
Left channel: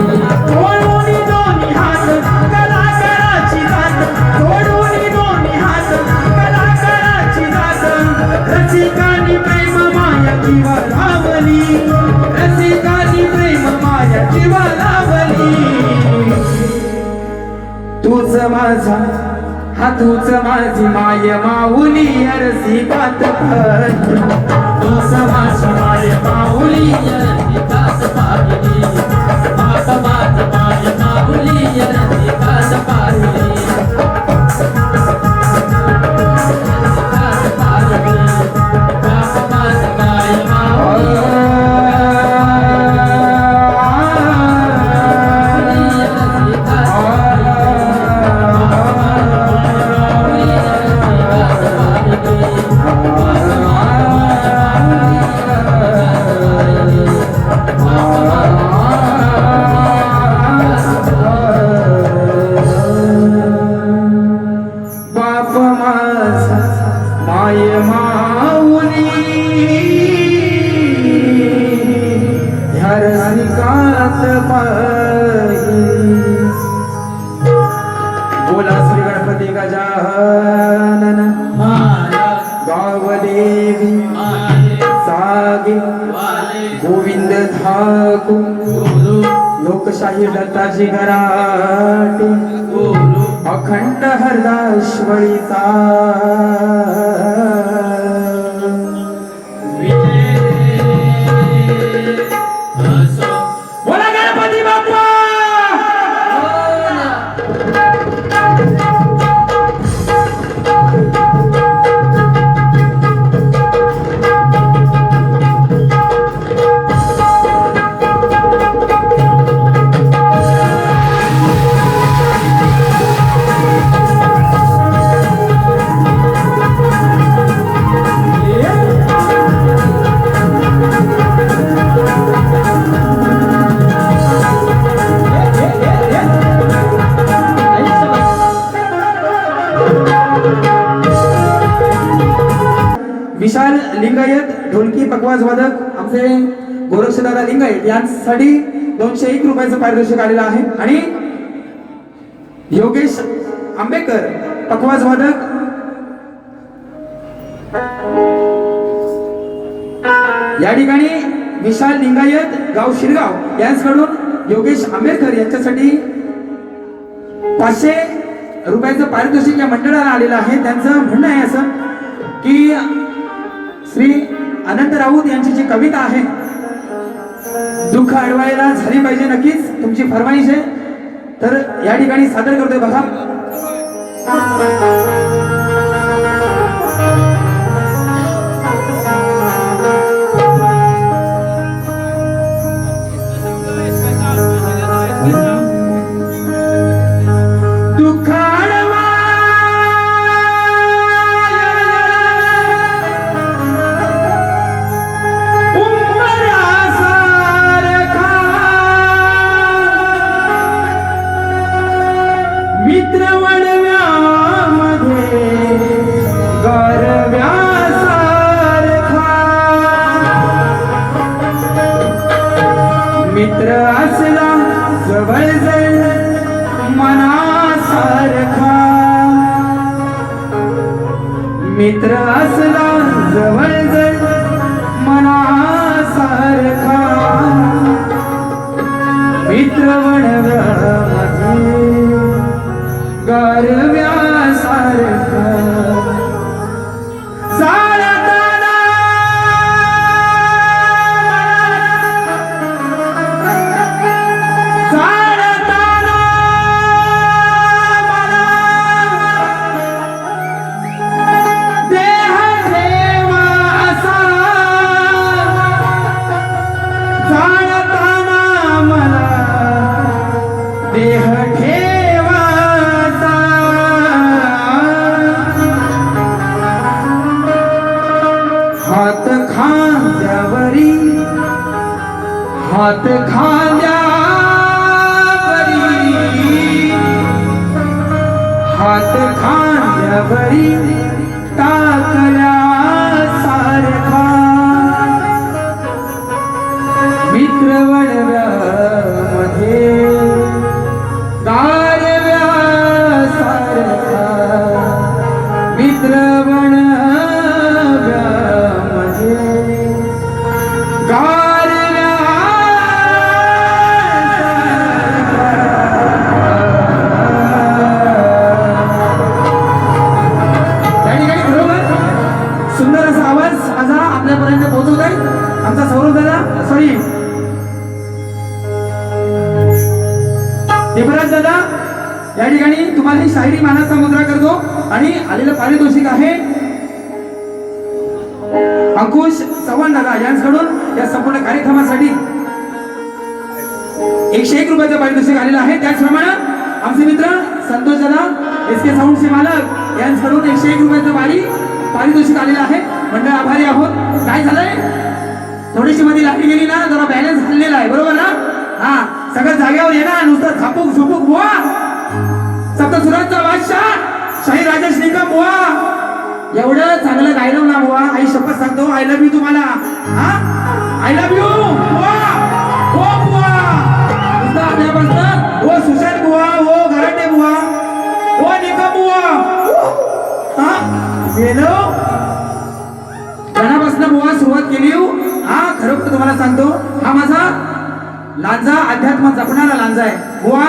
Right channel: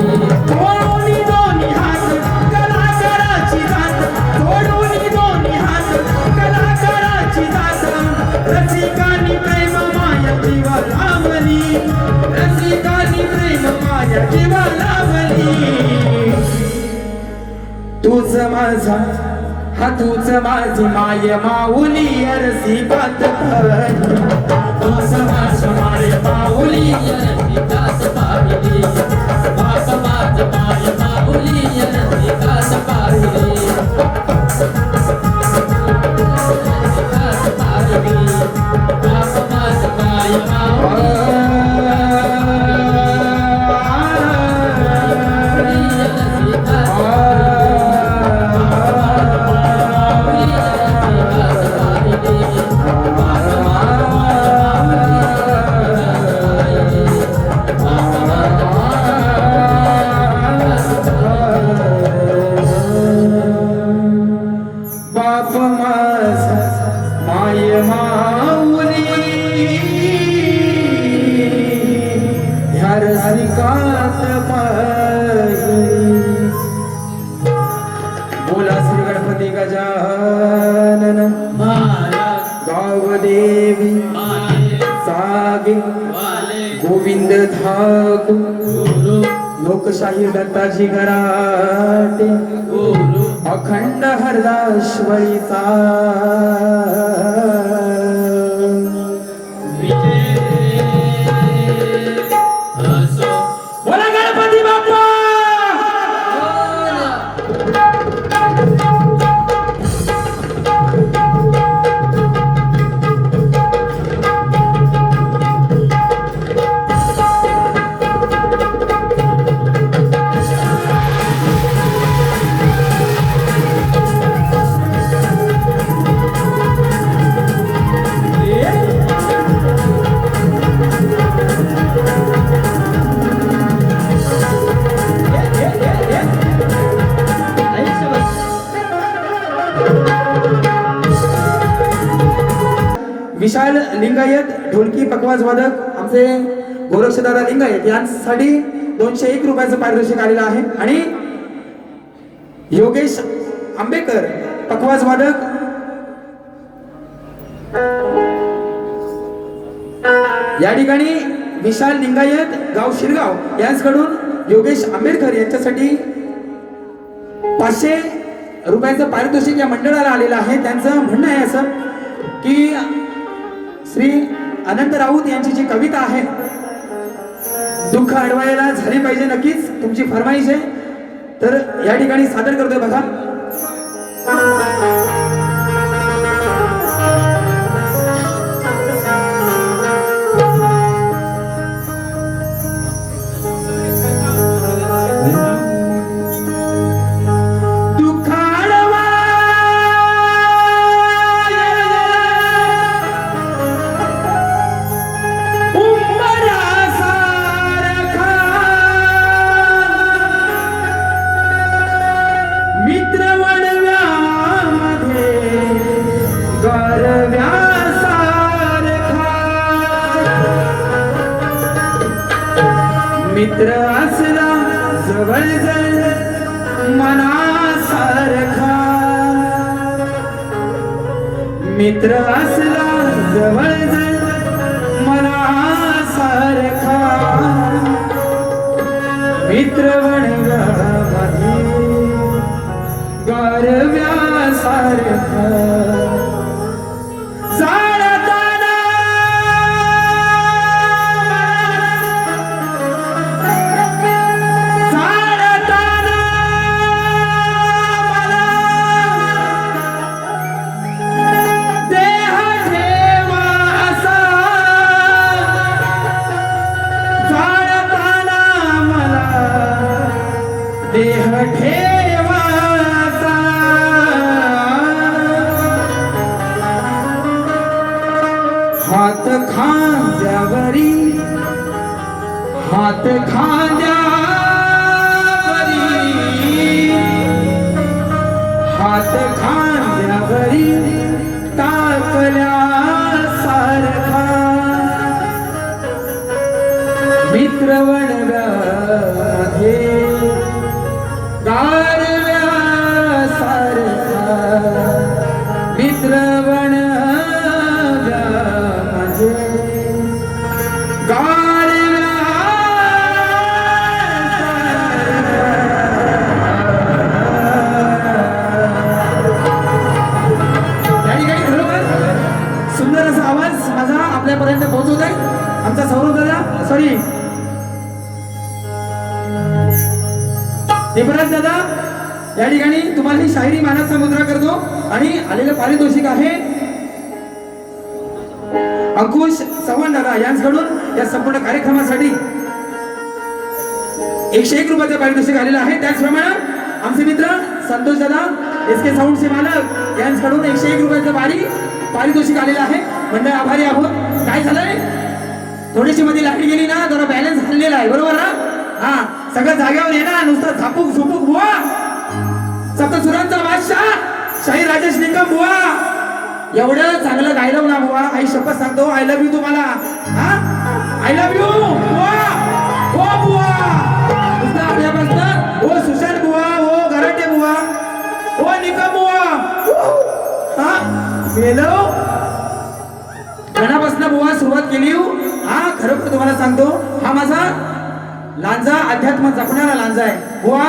तोडून दोन्ही हात कलाकाराची जात तोडून दोन्ही हात कलाकाराची जात रसिकानी प्रेम माया जीवा लावली रसिकानी प्रेम माया जीवा लावली तूच माझा हा तूच माझी माय माऊली रसिकात पाहिली तूच माझी माय माऊली रसिकात पाहिली बाप माझ माय माऊली रसिकात पाहिली बाप माझ माय माऊली बाप माझा माय माऊली ह्या रसिकात पाहिली बोला श्री गणपती गजानन गावदेवी सागे गोविंद ठाकूर लोकशाही दत्ताजी घराटे अखंड हरदाश्वरीचा बोला गणपती बाप्पा विशाल लिंगायत ढोलकी पकवाज वादक आमचे गोरक्षदादा लिंगायत यांसाठी 201 रुपयाचं पारितोषिक आलेलं आहे आणि योगेश आंबेकर पकवाज वादक या ठिकाणी विशाल लिंगायत गाव शिरगाव यांच्याकडून योगेश आंबेडकर यांच्यासाठी 500 रुपयाचं पारितोषिक या मंडळाला आलेलं आहे. त्यांचं म्हणणं आहे असं की श्री अनंत राऊत यांची जी कविता आहे दुःख अडवायला झाली पाहिजे, नक्कीच तुमची फरमाईश आहे, तर या ठिकाणी सादर करतोय बघा. मित्र असला जवळ जवळ मनासारखा, मित्र असला जवळ जवळ मनासारखा, मित्र वणव्यामध्ये गारव्यासारखा. देह ठेवाचा हात खांद्यावरी, हात खांद्यावरी, हात खांद्यावरी टाकल्यासारखा, मित्र वणव्यामध्ये गारव्यासारखा, मित्र वणव्यामध्ये सुंदर असा आवाज माझा आपल्यापर्यंत पोहोचवत आहे आमचा सौरभ दादा, सॉरी देवराज दादा. या ठिकाणी तुम्हाला ही शायरी मानाचा मुद्रा करतो आणि आलेलं पारितोषिक आहे अंकुश चव्हाण दादा यांच्याकडून या संपूर्ण कार्यक्रमासाठी 101 रुपयाचं पारितोषिक आलेलं आहे. त्याचप्रमाणे आमचे मित्र संतोष दादा SK साऊंडचे मालक यांच्याकडून 101 रुपयाचं पारितोषिक आलेलं आहे. मंडळ आभारी आहोत. काय झालंय, थोडीशी मध्ये लाटली गेली ना, जरा बॅलन्स हल्लेला आहे, बरोबर ना? हा, सगळं जागेवर येणार, नुसतं झापूक झुपूक बुवा, सप्तसुरांचा बादशाह शाही राजेश निकम बुवा, एवढं चांगलं गायलं ना बुवा, आई शपथ सांगतो, आय लव्ह यू तुम्हाला. हा, आय लव्ह यू बुवा, हो बुवा, नुसतं आपल्यापासून हो सुशांत बुवा, हो घराटे बुवा, हो निकम बुवा. हा, गेलो मनापासून बुवा सुरुवात केली. हा, खरोखर तुम्हाला सांगतो, हा माझा लांजा अध्यात्म जपणारा लांजा आहे बुवा.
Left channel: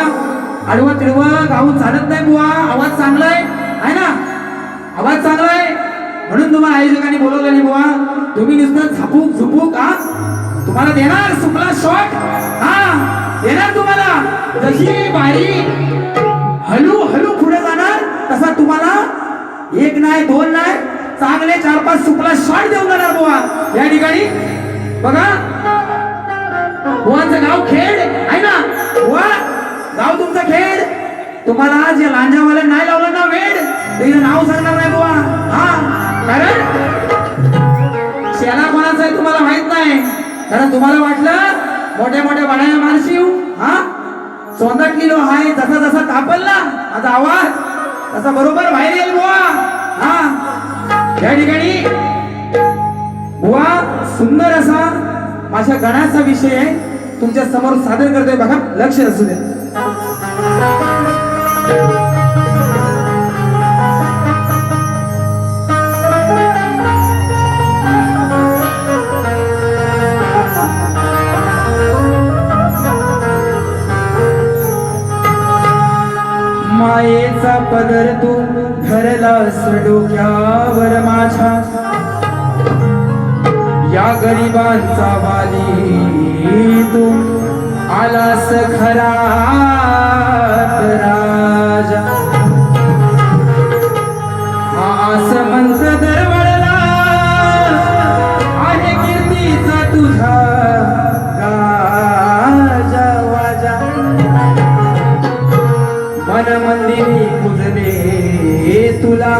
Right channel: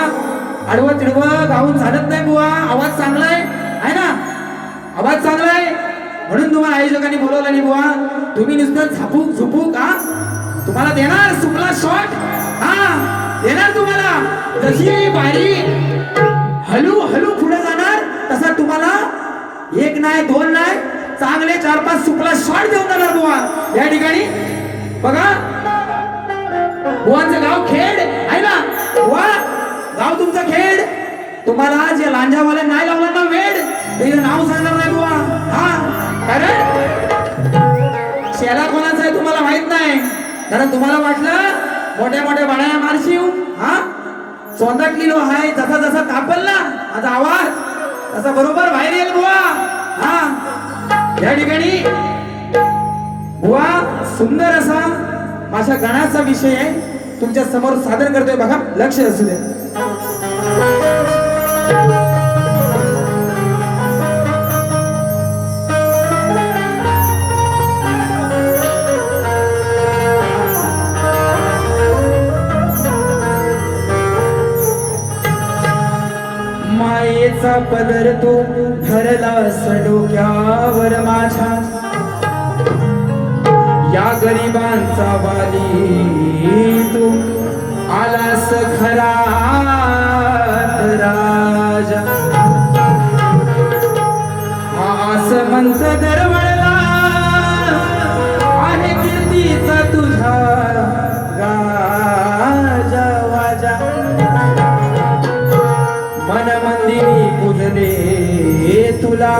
आडवं तिडवं गाऊन चालत नाही बुवा. आवाज चांगला आहे ना, आवाज चांगला आहे म्हणून तुम्हाला आयोजकांनी बोलवलं नाही बुवा. तुम्ही नुसतं झापूक झुपूक, हा, तुम्हाला देणार सुपला शॉट, हा देणार तुम्हाला. जशी बारी हळू हळू पुढे जाणार तसा तुम्हाला 1 नाही 2 नाही चांगले 4-5 सुपला शॉट देऊन जाणार बुवा. या ठिकाणी बघा, बुवांचं गाव खेड आहे ना बुवा, गाव तुमचं खेड. तुम्हाला जे लांजावाला नाही लावलं ना वेड, त्याचं नाव सांगणार नाही बुवा. हा, कारण शेला कोणाचा आहे तुम्हाला माहित नाही. कारण तुम्हाला वाटलं मोठ्या मोठ्या बाळ्या मारशीव, हा चोंदटलेलो आहे, जसा जसा तापल ना आता आवाज तसा बरोबर बाहेर येईल बुवा. हा, या ठिकाणी बुवा सुंदर असा माझ्या गणाचा विषय आहे, तुमच्या समोर सादर करतोय बघा, लक्ष असू दे. मायेचा पदर तू धरलास डोक्यावर माझ्या या गरिबांचा वाली तू आलास खरात राजा हा आसमंत दरवळला आहे कीर्तीचा तुझा राजा वाजा मन मंदिरी पूजले तुला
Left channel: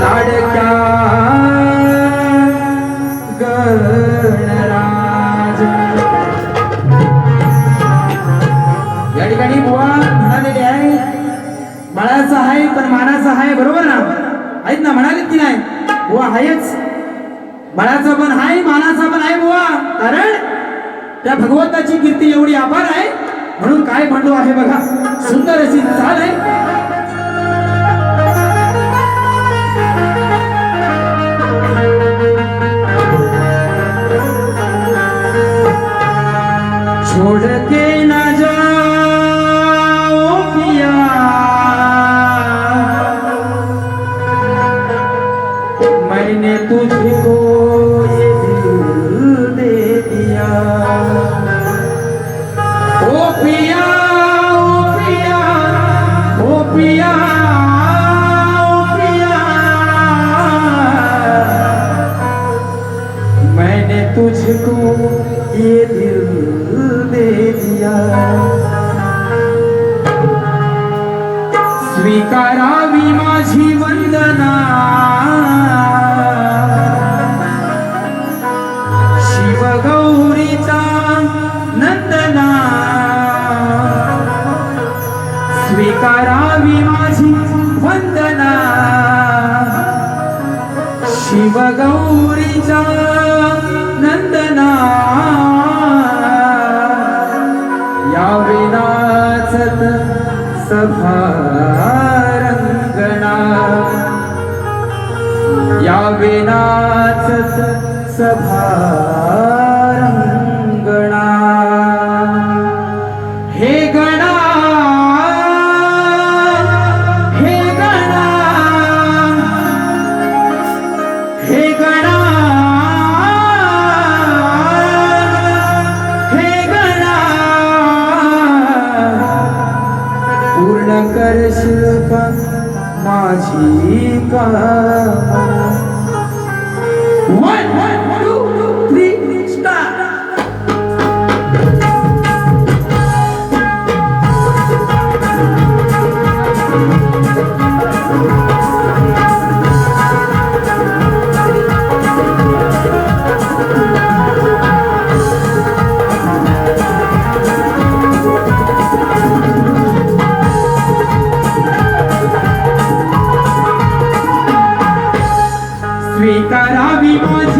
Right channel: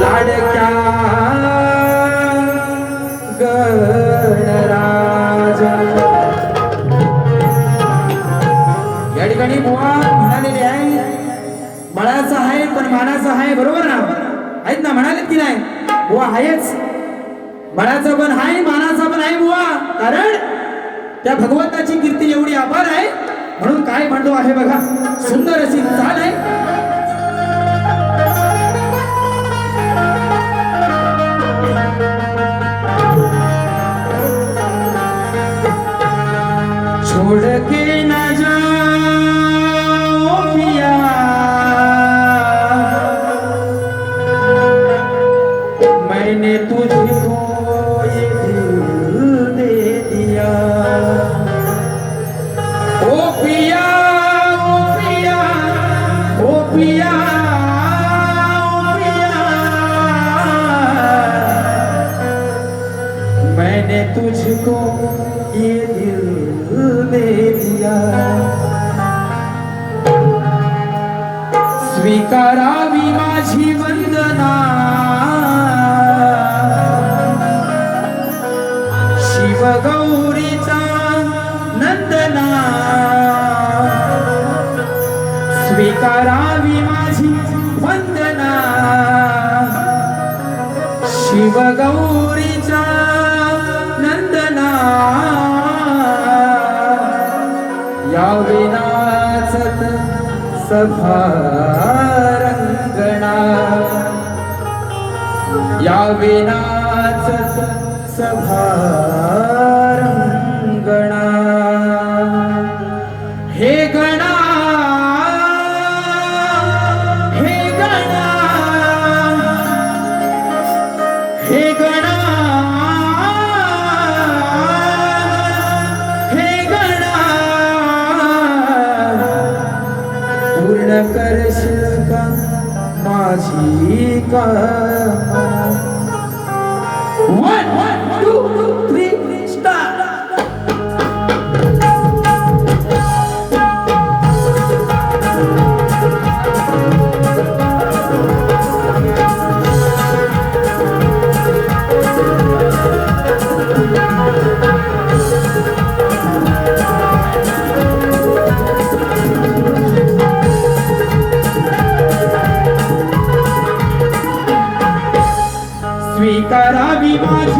लाडक्या गणराजा या ठिकाणी बुवा म्हणालेले आहे बळाचा आहे पण मानाचा आहे बरोबर ना आहेत ना म्हणाले की नाही बुवा आहेच बळाचा पण आहे मानाचा पण आहे बुवा कारण त्या भगवंताची कीर्ती एवढी अपार आहे म्हणून काय म्हणतो आहे बघा सुंदर अशी चाल आहे छोड़ के न जाओ पिया मैंने तुझको ये दिल दे दिया ओ पिया ओ पिया ओ पिया ओ पिया मैंने तुझको ये दिल दे दिया स्वीकारावी माझी वंदना शिव गौरीचा नंदना स्वीकारावी माझी वंदना शिव गौरीचा नंदना या विनाचत सभारंगणा या विनाचत सभारंगणा हे गणा हे गणा हे गणा पूर्ण करशील का माझी कामना 1 2 3 स्टार्ट स्वीकारावी माझी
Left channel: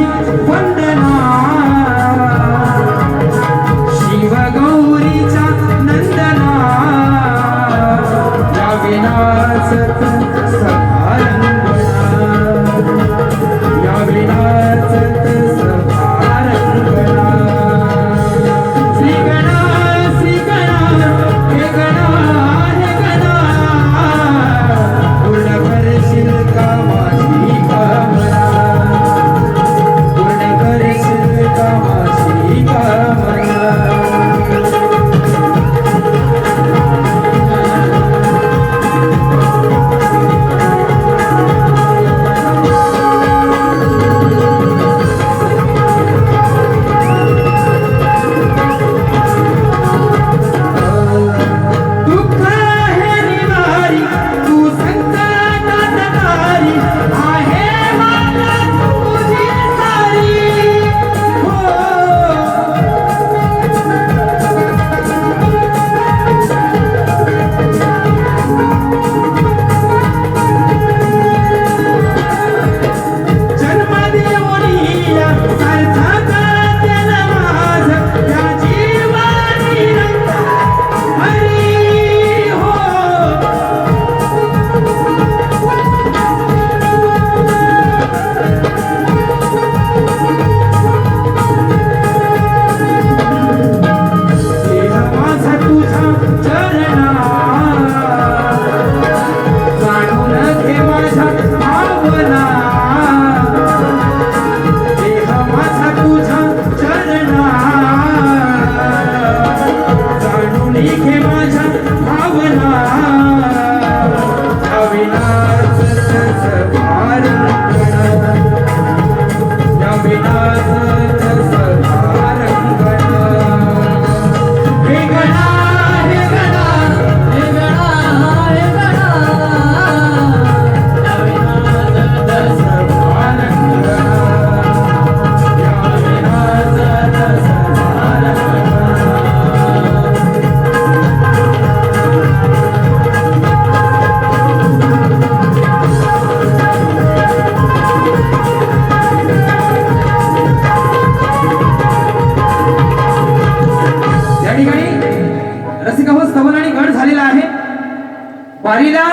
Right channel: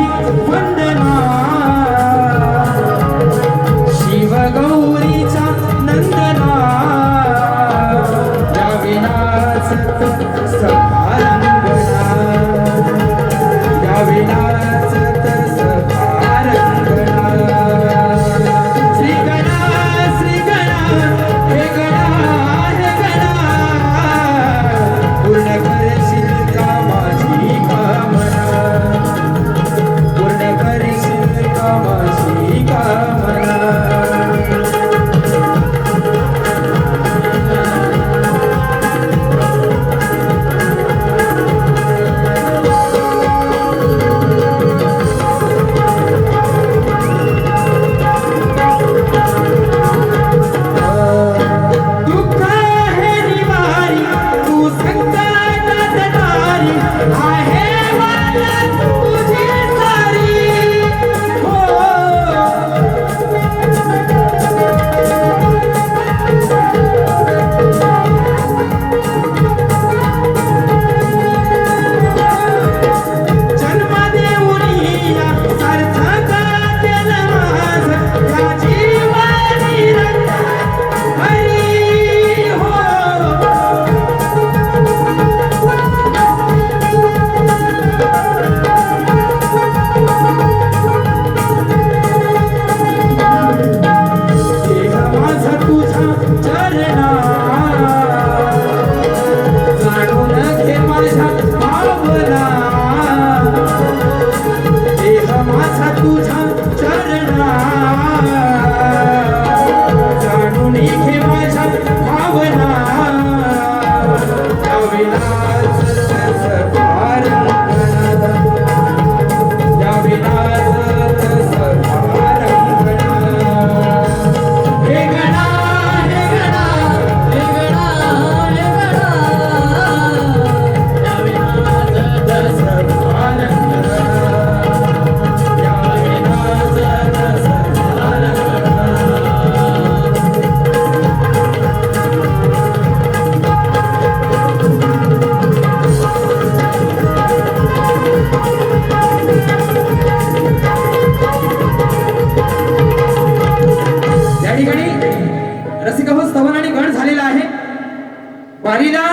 वारीला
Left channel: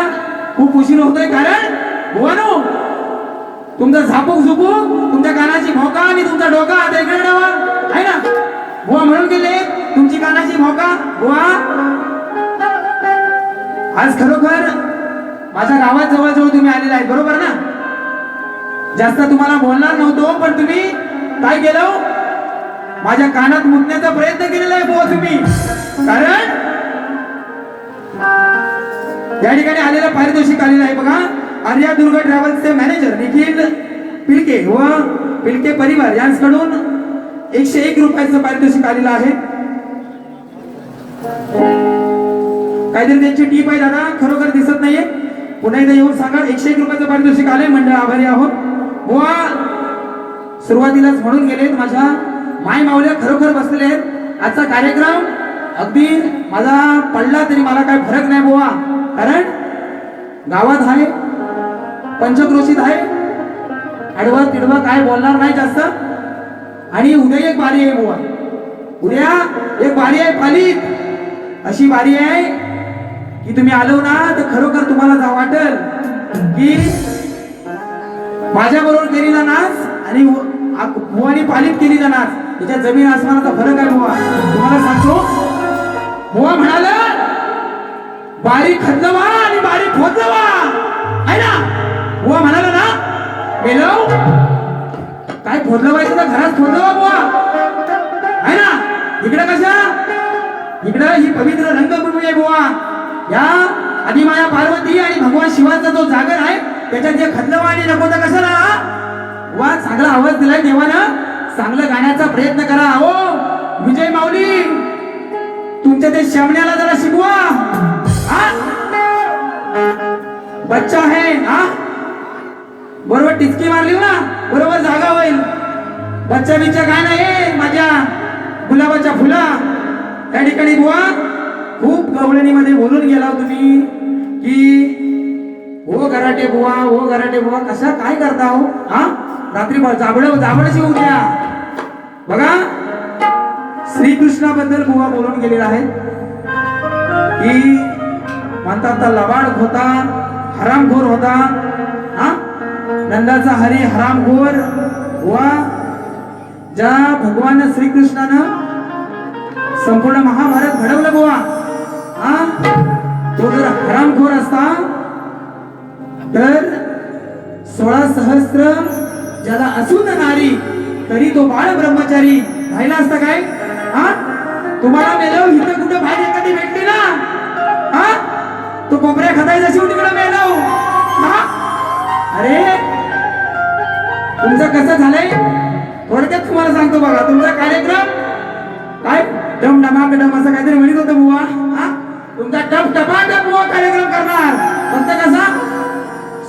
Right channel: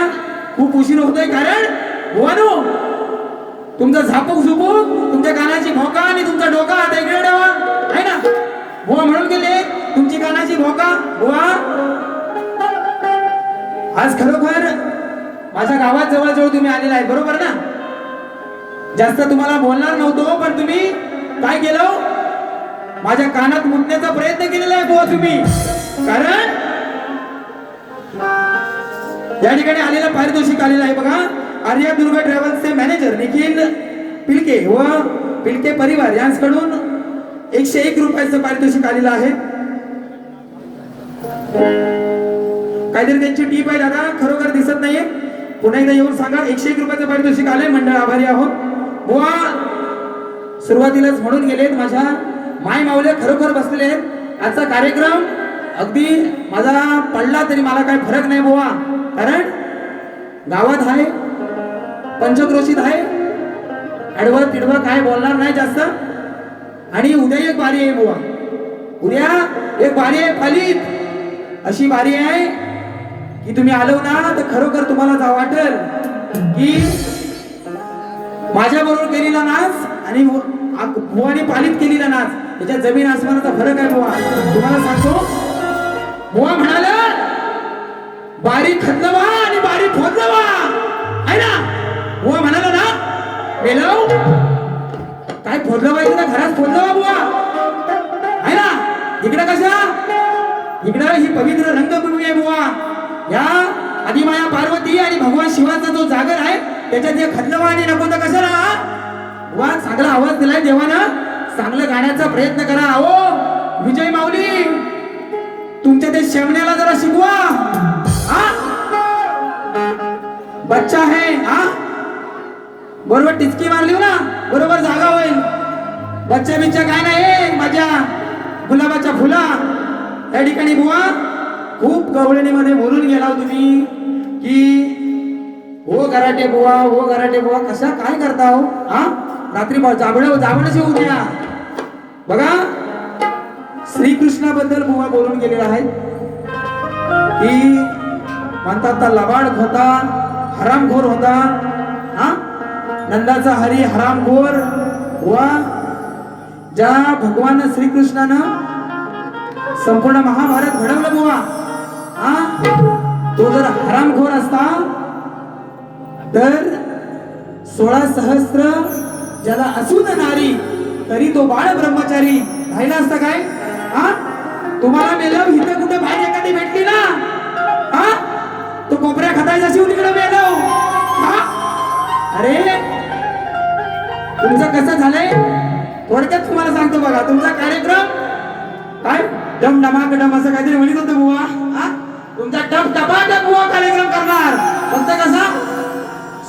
खूप उशीर होतोय, कारण बुवानो तुमचा झापूक झुपूक, तुमच्या कानाची भोका आणि तुमचा डोका आता इकडे ठेवा, आहे ना? बुवा म्हणून गेले तुमची कानाची भोका. बुवा आज खरोखर माझ्या गावात जवळजवळ तुम्ही आलेला आहे, बरोबर ना? जास्त तुम्हाला बोलणार नव्हतो, पण तुम्ही काय केलं? माझ्या कानात मुतण्याचा प्रयत्न केलेला आहे बुवा तुम्ही. कारण या ठिकाणी आलेला पारितोषिक आलेला आहे बघा. आर्या दुर्गा ट्रॅव्हल्सचे मॅनेजर निखिल पिलके व पिलके परिवार यांच्याकडून 101 रुपयाचं पारितोषिक आलेलं आहे. काहीतरी त्यांची टीप आहे दादा, खरोखर दिसत नाहीये. पुन्हा एकदा येऊन सांगा. 101 रुपयाचं पारितोषिक आले. मंडळ आभारी आहोत. बुवा सुरुवातीलाच म्हणून गेलेत, माझ्या माय माऊल्या खरोखर बसलेले आहेत. आजचा कार्यक्रम अगदी माझा पडला तरी मला काय फरक नाही बुवा, कारण गावात आहे, पंचक्रोशीत आहे, आडवं तिडवं काय बोलणार नाही जास्त. आणि उद्या एक बारी आहे बुवा, उद्या एक बारी आहे फालीत. अशी बारी आहे की तुम्ही आलो ना तर खरोखर तुम्हाला जा वाटेल की माझ्या बरोबर केलेला नाच आणि बुवानी पालीत केलेला नाच याच्यात जमीन आसमानाचा फरक आहे बुवा. तुम्हाला सांगतो, बुवा म्हणाला बारी खदलवा आणि बारी फोदलवा, आहे ना? बुवा म्हणाला ना, मेलो काय फोडलं पाहिजे तर घरात फोडलं बुवा, आहे ना? इकडे कशा, इकडे ही पवित्र रंगभूमी आहे बुवा. या आदिमाया पार्वती आणि भगवान शिवाचा जो जागर आहे त्याच्यात जे खदलवा आणि नको तर कशाला बुवा. चांगला आवाज दिलाय देवानं, चांगलं गाण्याचा प्रयत्न करा. हो विजय माऊली, तुमच्या ते श्यामण्याला जरा शिकवा. हा बच्चा है, हा बरोबर टिचकी मारली ना, बरोबर जागा होईल. बच्चा बिच्चा काय नाही माझ्या गुलाबाच्या फुला. त्या ठिकाणी बुवा खूप गवळणीमध्ये बोलून गेला तुम्ही की हो गराटे बुवा, हो गराटे बुवा. कशा काय करता हो? हा रात्री जाबड्याची उद्या बघा. श्रीकृष्णाबद्दल बुवा बोलून गेलेला आहे की म्हणतात तर लबाड होता, हरामखोर होता. हा नंदाचा हरी हरामखोर वा. ज्या भगवान श्रीकृष्णानं संपूर्ण महाभारत घडवलं बुवा, हा तो जर हरामखोर असता तर 16 सहस्त्र ज्याला असून नारी तरी तो बाळ ब्रह्मचारी राहिला असता काय? हा तुम्हाला मेलो इथं कुठं बाहेर एखादी भेटली ना, हा तो कोपऱ्या खतायचा शिव तिकडे मेलो. हा अरे तुमचं कसं झालंय थोडक्यात तुम्हाला सांगतो बघा. तुमचा कार्यक्रम काय डम डमाकडम असं काहीतरी म्हणत होतं बुवा. हा तुमचा टप टपाटप बुवा कार्यक्रम करणार. फक्त कसा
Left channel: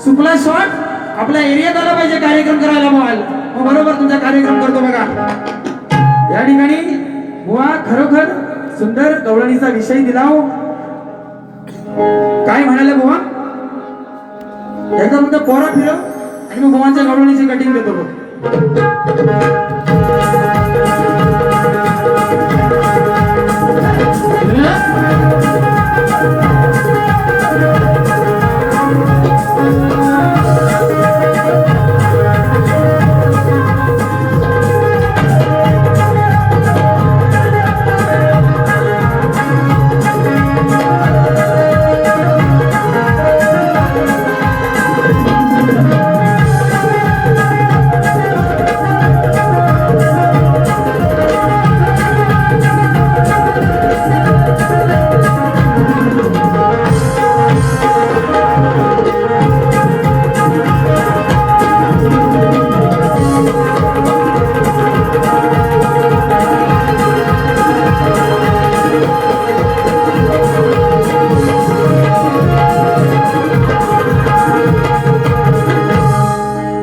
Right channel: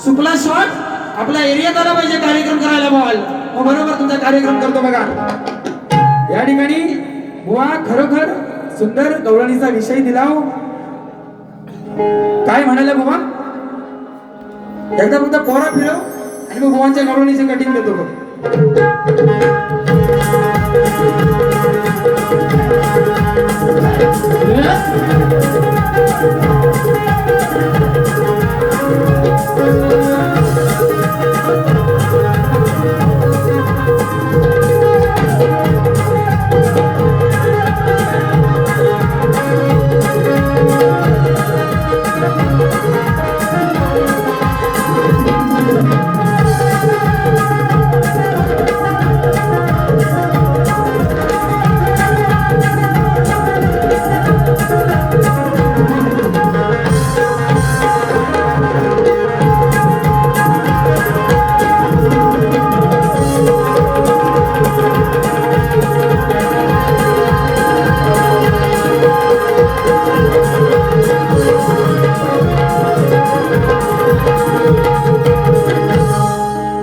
सुपला शॉट आपल्या एरियात आला पाहिजे कार्यक्रम करायला बॉल, बरोबर तुमचा कार्यक्रम करतो बघा. या ठिकाणी बुवा खरोखर सुंदर गवळणीचा विषय दिला. काय म्हणाले बुवा, एकदा फक्त पोरा फिरव आणि मग बुवांच्या गवळणीची कटिंग देतो बघ.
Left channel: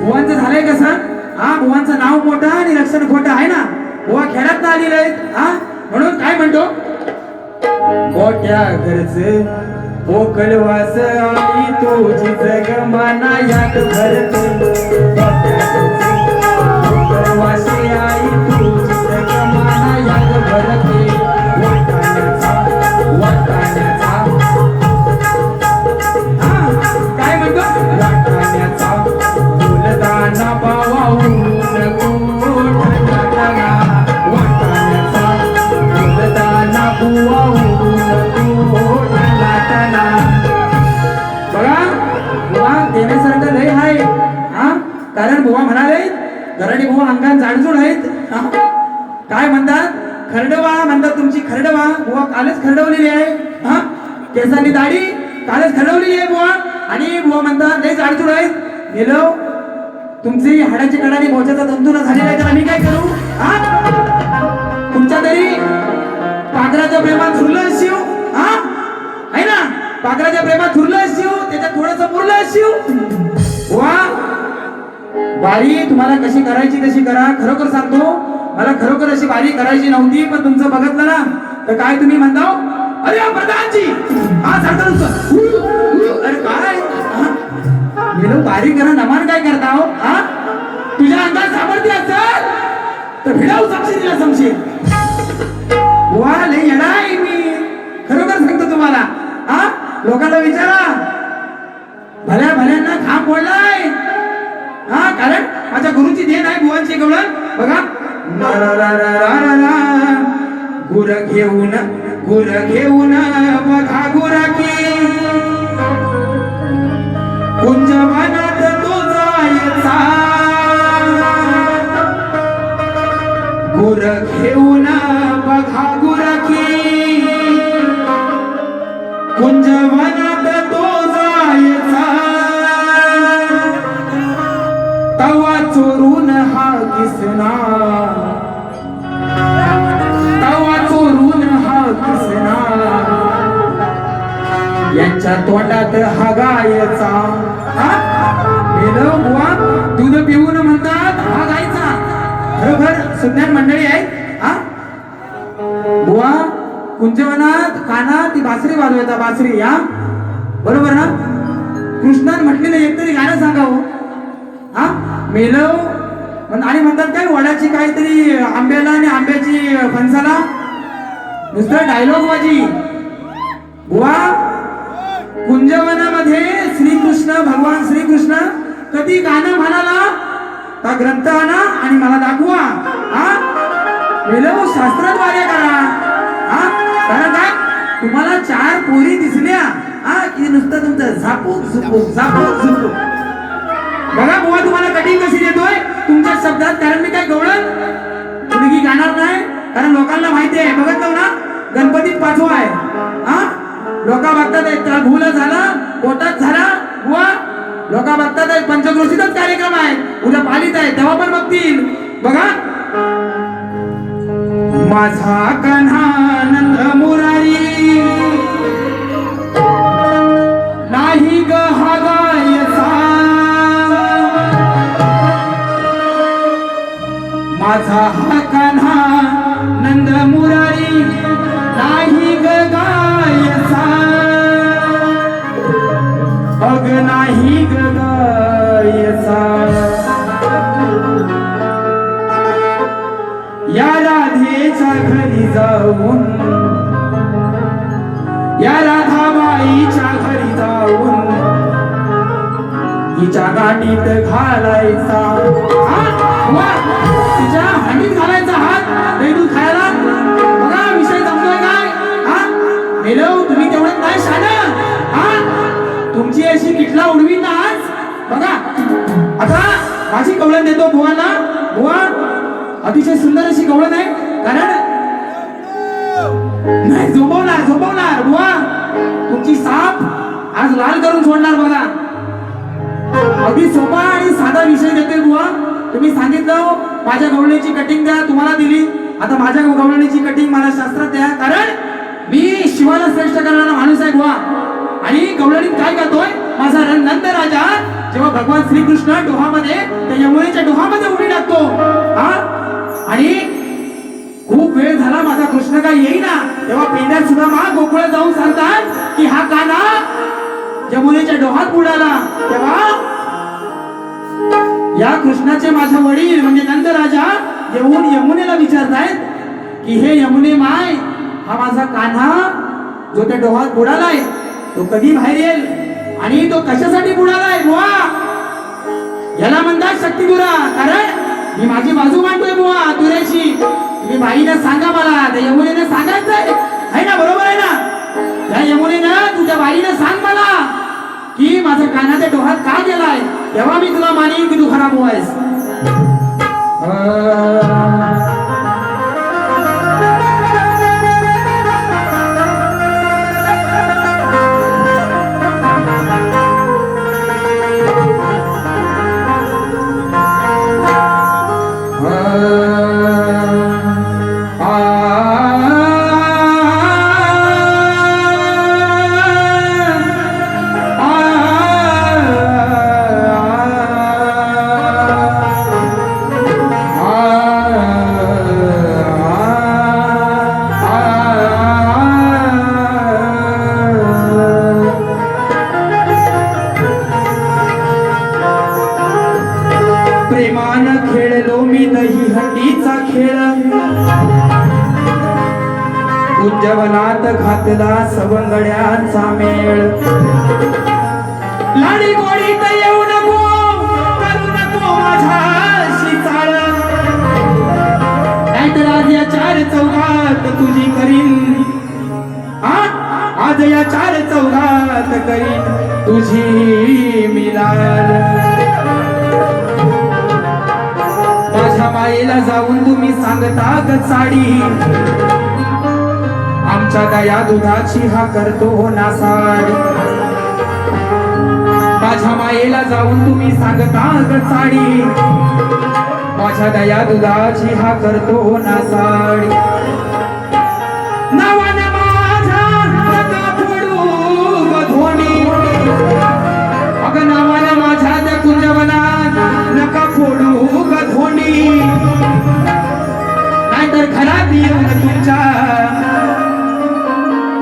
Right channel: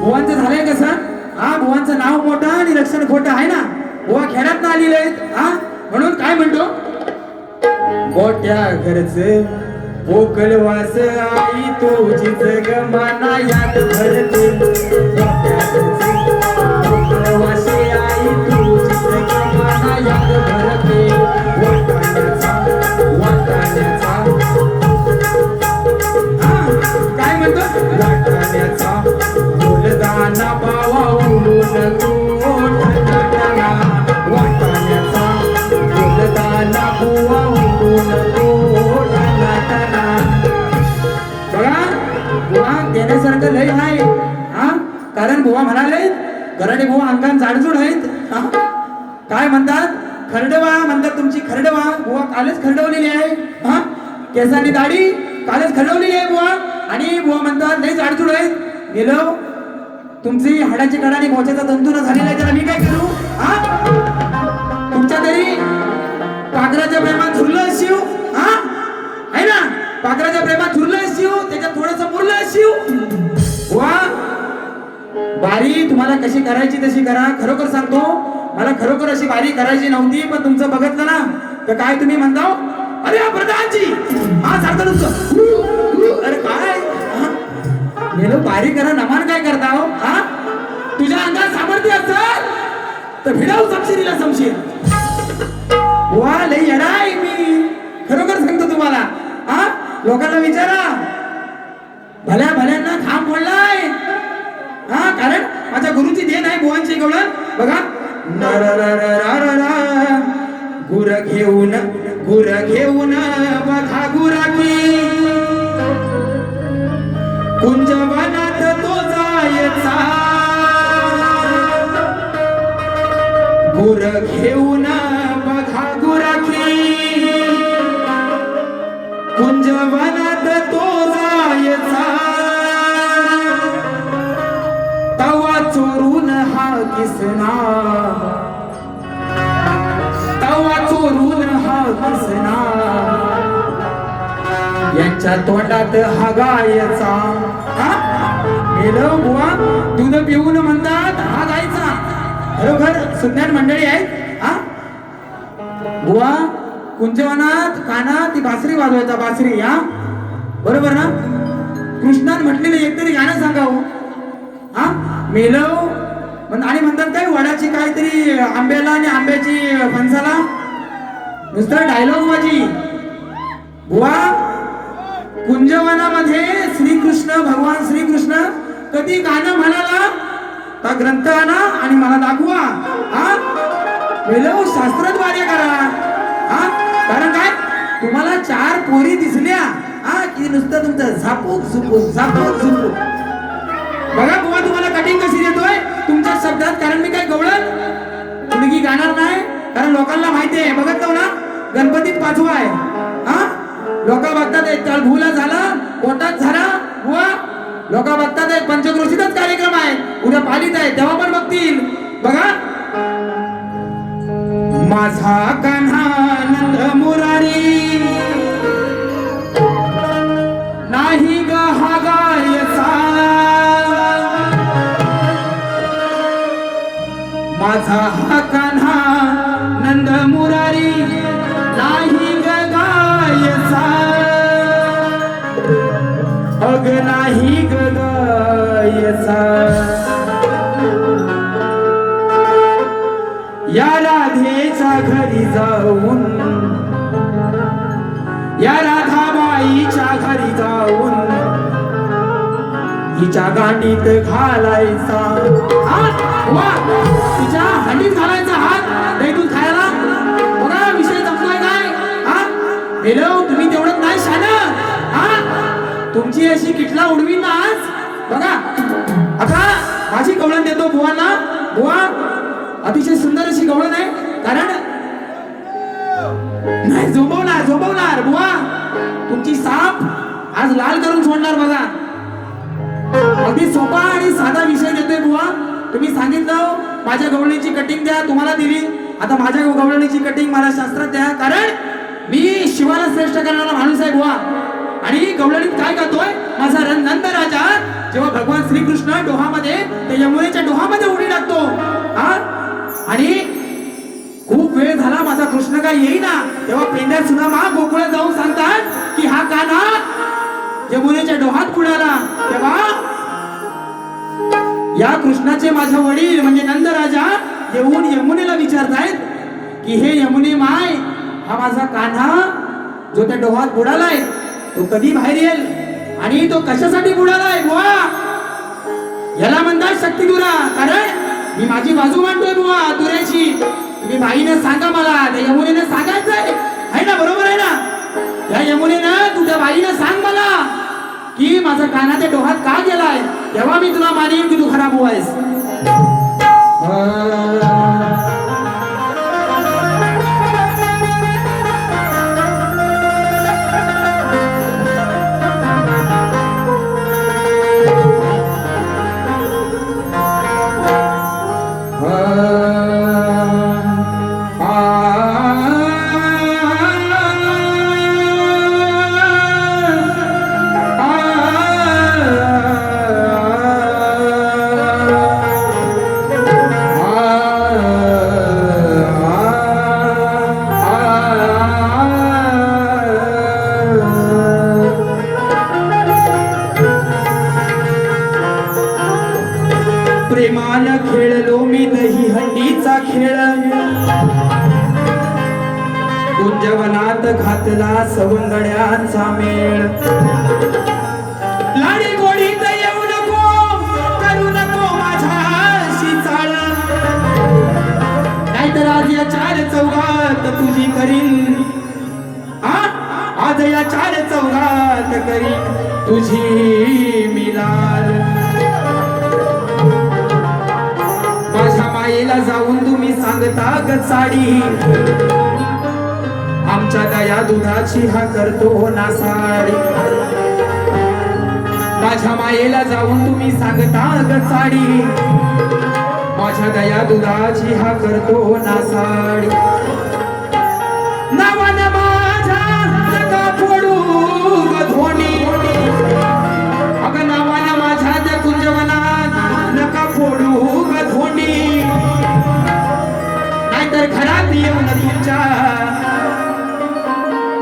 बुवांचं झालंय कसं? हा बुवांचं नाव मोठं आणि लक्षण खोटं आहे ना. बुवा खेड्यात ना आलेले आहेत, हा म्हणून काय म्हणतो, मोठ्या घरचे मोकळवास आई तुझी जगमाना यात भरते. मोठ्या घरचे मोकळवासी आई तुझी जगमाना यात वाटाण्याचा बुवा उडून तो लाटला. बघा बुवा देण्यासारखं लय आहे हा, कारण बुवा म्हणाले गराडे बुवा अंगात जाडजूड आहेत हा? काय म्हणतात खरडवा म्हणतात तुमची खरडवा बुवा कालच खरडवलेली आहे हा, केसांनी दाढी कालच खरडवलेली आहे बुवा, आणि बुवा म्हणतात लय जाडजूड आहेत. गेलो तुमची हाडाची कडाने मोच्याचा तंतू न झालेला आहे तर आम्ही काय करू हा? तुमच्या तरी पाखराच्या प्रेमात झुरलं असिव हा, आहे ना, पाखराच्या प्रेमात झुरलं असिव, त्याच्यात थोडंसं मुरलं असिव. वा बारी तुम्हाला कशी करायची तशी करा. खरोखर सांगतो मला खरोखर अशी बारी करायची नव्हती, पण तुमचं बघितलं ना तर काय तुम्ही म्हणता अरे प्रधानजी हा चालतं नुसतं अरे काय गेलो बारी करा नमान काय करता हो हा, तुझ्या अंगात सामर्थ्य असेल तर भिडाऊ समशील समशील. वा लय येडा आहे मी खरोखर सांगतो तुम्हाला हा, लोकांना विचारा भल्या भल्यांना घाम फोडलाय हा, कारण माझ्या गुरुची देण आहे बुवांची गवळण. बघा गुर घेऊन बघा गुराकी कुंज वनात तो जायचा, गुर घेऊन बघा गुराकी कुंज वनात तो जायचा, तवा चोरून हा किसना, तवा चोरून हा किसना, यांच्या तोंडात हा गायचा हा? मेलं बुवा दूध पिऊन म्हणतात हा गायचा. खरोखर सुज्ञान मंडळी आहेत हा. बुवा कुंजवनात कानात ती बासरी वाजवायचा बासरी हा, बरोबर ना. कृष्णान म्हटलेलं एकतरी गाणं सांगावं हा. मेलव आणि म्हणतात काय वडाची काहीतरी आंब्याला आणि आंब्याची फणसाला नुसतं डायलॉग माझी. बुवा कुंजवनामध्ये श्रीकृष्ण भगवान श्रीकृष्ण कधी गाणं म्हणाला हा ग्रंथ आणा आणि मला दाखवा हा. मेलव शास्त्रद्वारे करा हा, कारण काय तुम्हाला 4 पोरी दिसल्या हा की नुसतं तुमचं झापूक झुपूक झापूक झुपूक. बघा बुवा तुम्हाला कटिंग कशी देतोय तुमच्या शब्दात, कारण मी काय गवळण मुलगी गाणार नाही, कारण लोकांना माहिती आहे. बघत ना गणपतीत पाचवा आहे हा, लोक बघतात आहेत भूल झाला पोटात झाला बुवा, लोक बघतात आहेत पंचक्रोशीतच कार्यक्रम आहे, उद्या पालित आहे तेव्हा पण बघतील. बघा माझा कान्हा नंद मुरारी नाही ग हा गायचा, माझा हा कान्हा नंद मुरारी नाही ग गायचा, अग नाही ग गायचा. या राधेच्या घरी जाऊन, या राधाबाईच्या घरी जाऊन हिच्या गाठीत घालायचा तिच्या हांडीत घालायचा हात दही दूध खायला. बघा विषय समजतोय काय हा. मेलो तुम्ही तेवढं नाही शानं हा, तुमची अशी किटला उडवी ना आज. बघा आता माझी कवळण देतो बुवांना. बुवा अतिशय सुंदर अशी कवळण आहे, कारण नाही झोपवणार झोपवणार बुवा तुमची साप आज लाल करून सोडणार. बघा अगदी सोपा आणि साधा विषय देतोय बुवा. तुम्ही सांगितलं माझ्या गवळणीची कटिंग द्या, तुम्हाला दिली. आता माझ्या गवळणीची कटिंग मला शास्त्रात द्या, कारण मी शिवाला श्रेष्ठ करणारा माणूस आहे बुवा. आणि गवळणीत काय करतोय माझा नंद राजा जेव्हा भगवान श्रीकृष्ण डोहामध्ये त्या यमुनेच्या डोहामध्ये उडी टाकतो हा, आणि खूप वेळ झाला माझा कृष्ण काय येईना, तेव्हा पेंड्या सुदामा गोकुळात जाऊन सांगतात की हा कान्हा यमुनेच्या डोहात बुडाला. तेव्हा या कृष्णाचे माझे वडील म्हणजे नंद राजा येऊन यमुनेला विचारतायत की हे यमुने माय, हा माझा कान्हा जो त्या डोहात बुडालाय तो कधी बाहेर येईल आणि तो कशासाठी बुडालाय बुवा. याला म्हणतात शक्तिदुरा, कारण मी माझी बाजू मांडतोय बुवा तुऱ्याची. तुम्ही बाईने सांगा मला, त्या यमुनेने सांगायचंय आहे ना, बरोबर आहे ना? त्या यमुनेनं तुझ्या बाईला सांग मला की माझा कानाच्या डोहात का गेलाय, तेव्हा मी तुला मानेन की तू खराब होयस. प्रेमानं खेळलो मी दही हंडीचा खेळ, कुंजवनात घातला सवंगड्यांचा मेळ. लाडी गोडीत येऊ नको, करू नको माझ्याशी चाळ, नाहीतर आज या चार चौघात तुझी करीन, आज या चार चौघात करीन तुझी मिलाल. माझ्या मायेला जाऊन तुम्ही सांगता ग साडी, आमच्या दया दुधाची हा करतो नासाडी. माझ्या मायेला जाऊन तुम्ही सांगता ग साडी, माझ्या दया दुधाची हा करतो नासाडी. नावानं माझ्या नका फोडू ग धोणी, अगं नावानं माझ्या त्या कुंजवनात नका फोडू ग धोणी, नाहीतर घरात येऊन तुमच्या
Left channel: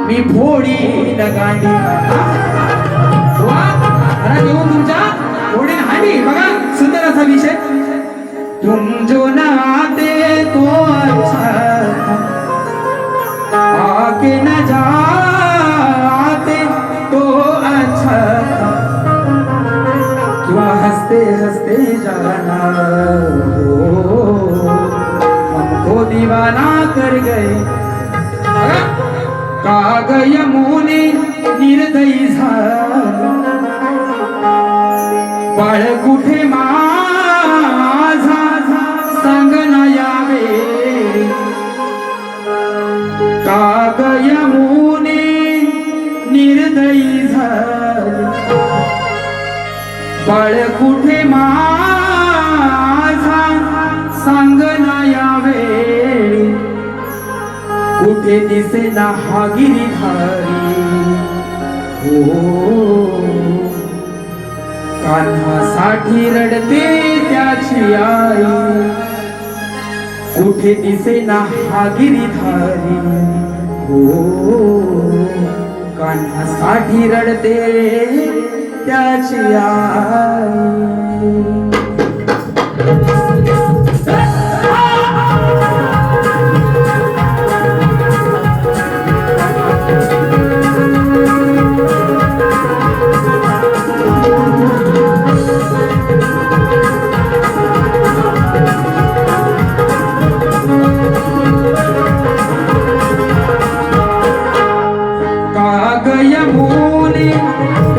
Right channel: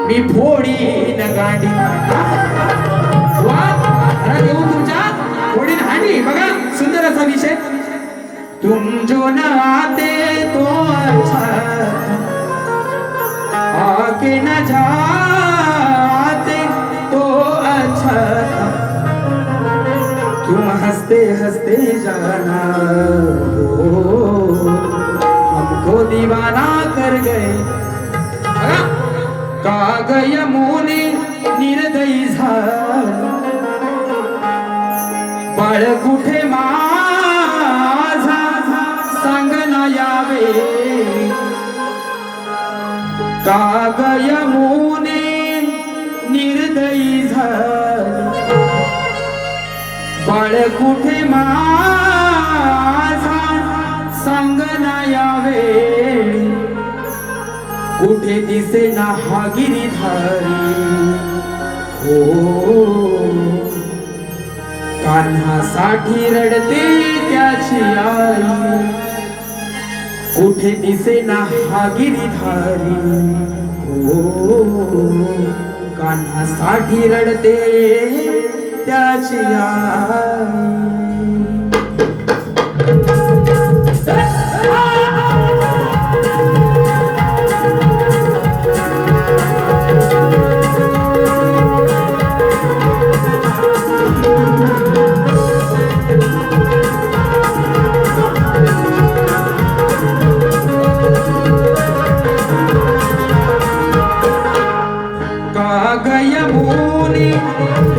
मी फोडी न गांडी. घरात येऊन तुमच्या फोडी न हांडी. बघा सुंदर असा विषय. तुम जो नाते तो अच्छा आके न जाते तो अच्छा, क्यों हंसते हंसते जाना हो, हमको दीवाना कर गए. काग यमुने निर्दयी झाला, बाळ कुठे माझा सांग ना यावे. काग यमुने निर्दयी झाला, बाळ कुठे माझा सांग ना यावे. कुठे दिसे ना हा गिरीधारी हो, कान्हासाठी रडते त्याची आई. कुठे दिसे ना हा गिरीधारी हो, कान्हासाठी रडते त्याची आई.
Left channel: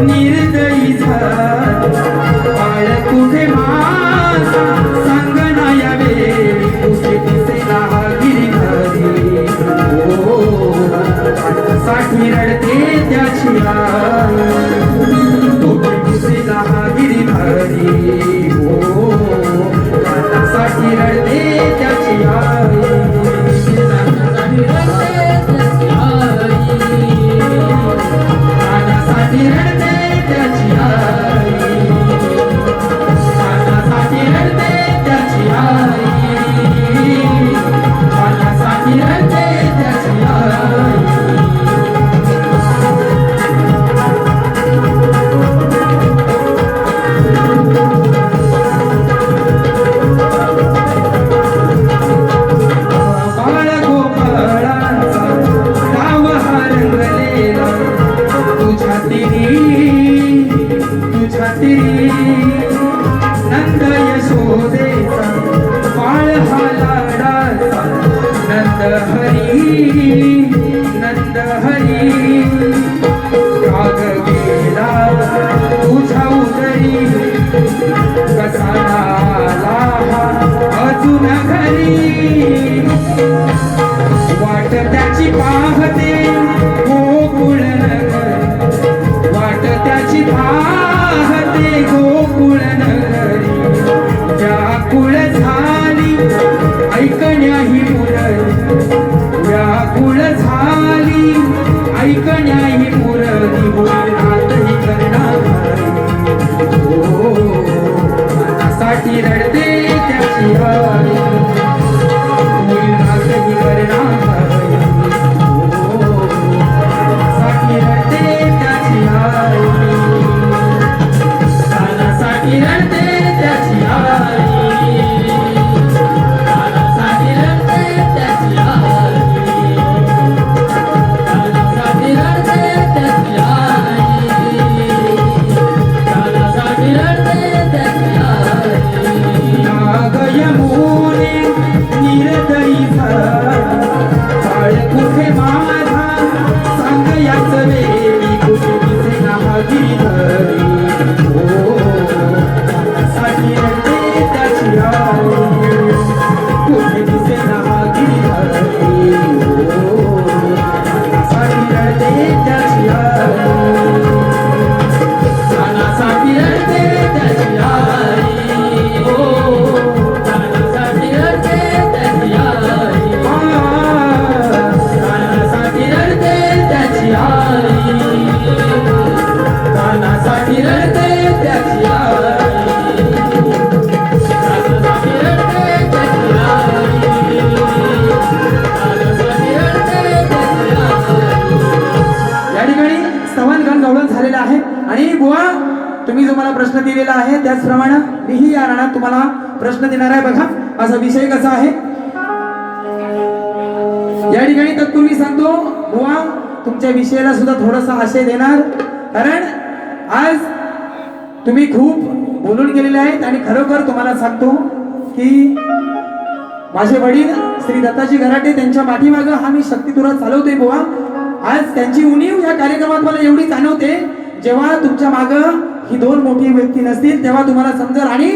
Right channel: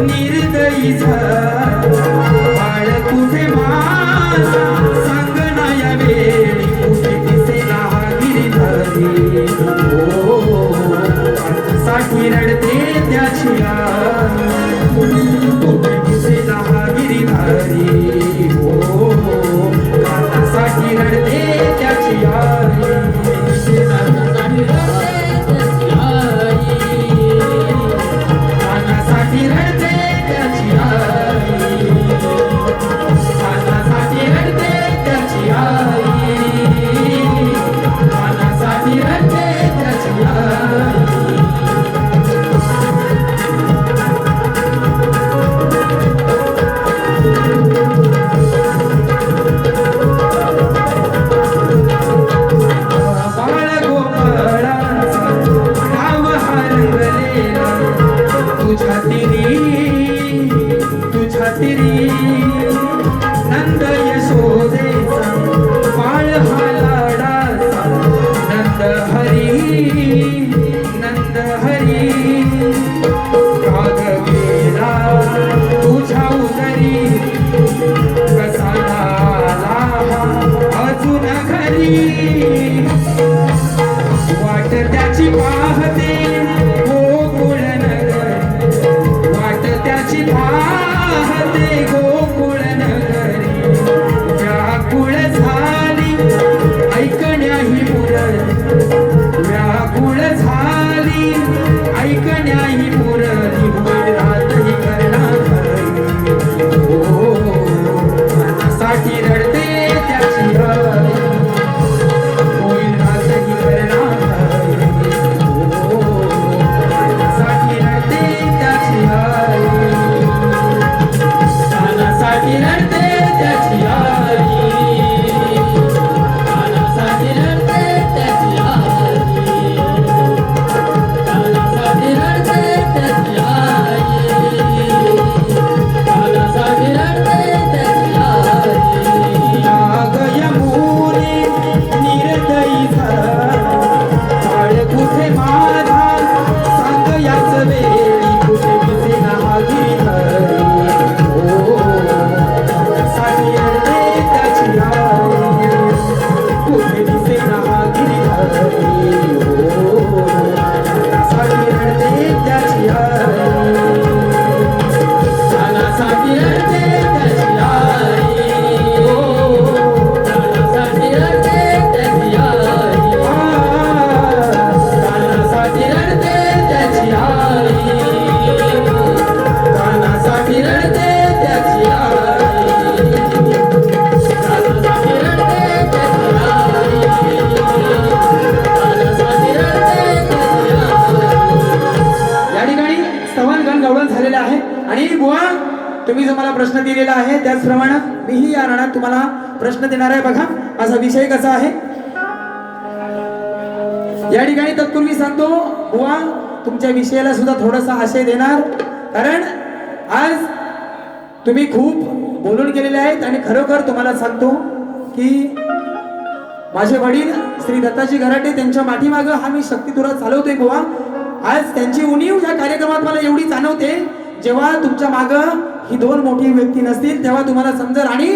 निर्दयी झाला, बाळ कुठे भाग गेला तुझ्या उदरी कसा आला अजून घरी वाट त्याची पाहते गोकुळ नगरी वाट त्याची पाहते गोकुळ नगरी व्याकुळ झाली ऐकण्याही मुरली व्याकुळ झाली ऐकण्याही मुरली होईल रातही करणारी हो साठी रडते त्याची हरी होईल रातही करणारी हो साठी रडते त्याची हरी साठी रडते त्याची हरी साठी रडते त्याची हरी साठी रडते त्याची साठी रडते त्याची नाग यमुने निर्दयी झाला काळ कुठे माझा सांग याच वेळी कुठे दिसे नागी हरी हो साठी रडते त्याची हरी कुठे दिसे नागी हरी हो साठी रडते त्याची हरी साठी रडते त्याची हरी हो साठी रडते त्याची हरी साठी रडते त्याची हरी साठी रडते त्याची हरी साठी रडते त्याची या ठिकाणी स्तवन गण गवळण झालेला आहे आणि बुवा तुम्ही जो मला प्रश्न दिलेला आहे त्याचप्रमाणे मीही या राणात तुम्हाला प्रश्न देणार आहे. बघा असा विषय कसा आहे या ठिकाणी तत्पूर्वी सांगतो बुवा तुमच्या विषयाला सुद्धा थोडासा आशय देणार कारण आज तुम्ही खूप बोलून गेलेले आहेत आणि खरोखर तुम्हाला सांगतो की माझे वडील श्री दत्ताजी घराटे त्यांच्या पाठीमागं हा मी शक्तितुरा चालवतोय बुवा. आज त्यांची उणीव या कार्यक्रमात मला एवढी जाणवते जेव्हा तुमच्या मागं ही दोन मोठी व्यक्ती नसतील तेव्हा तुम्हाला समजेल. आणि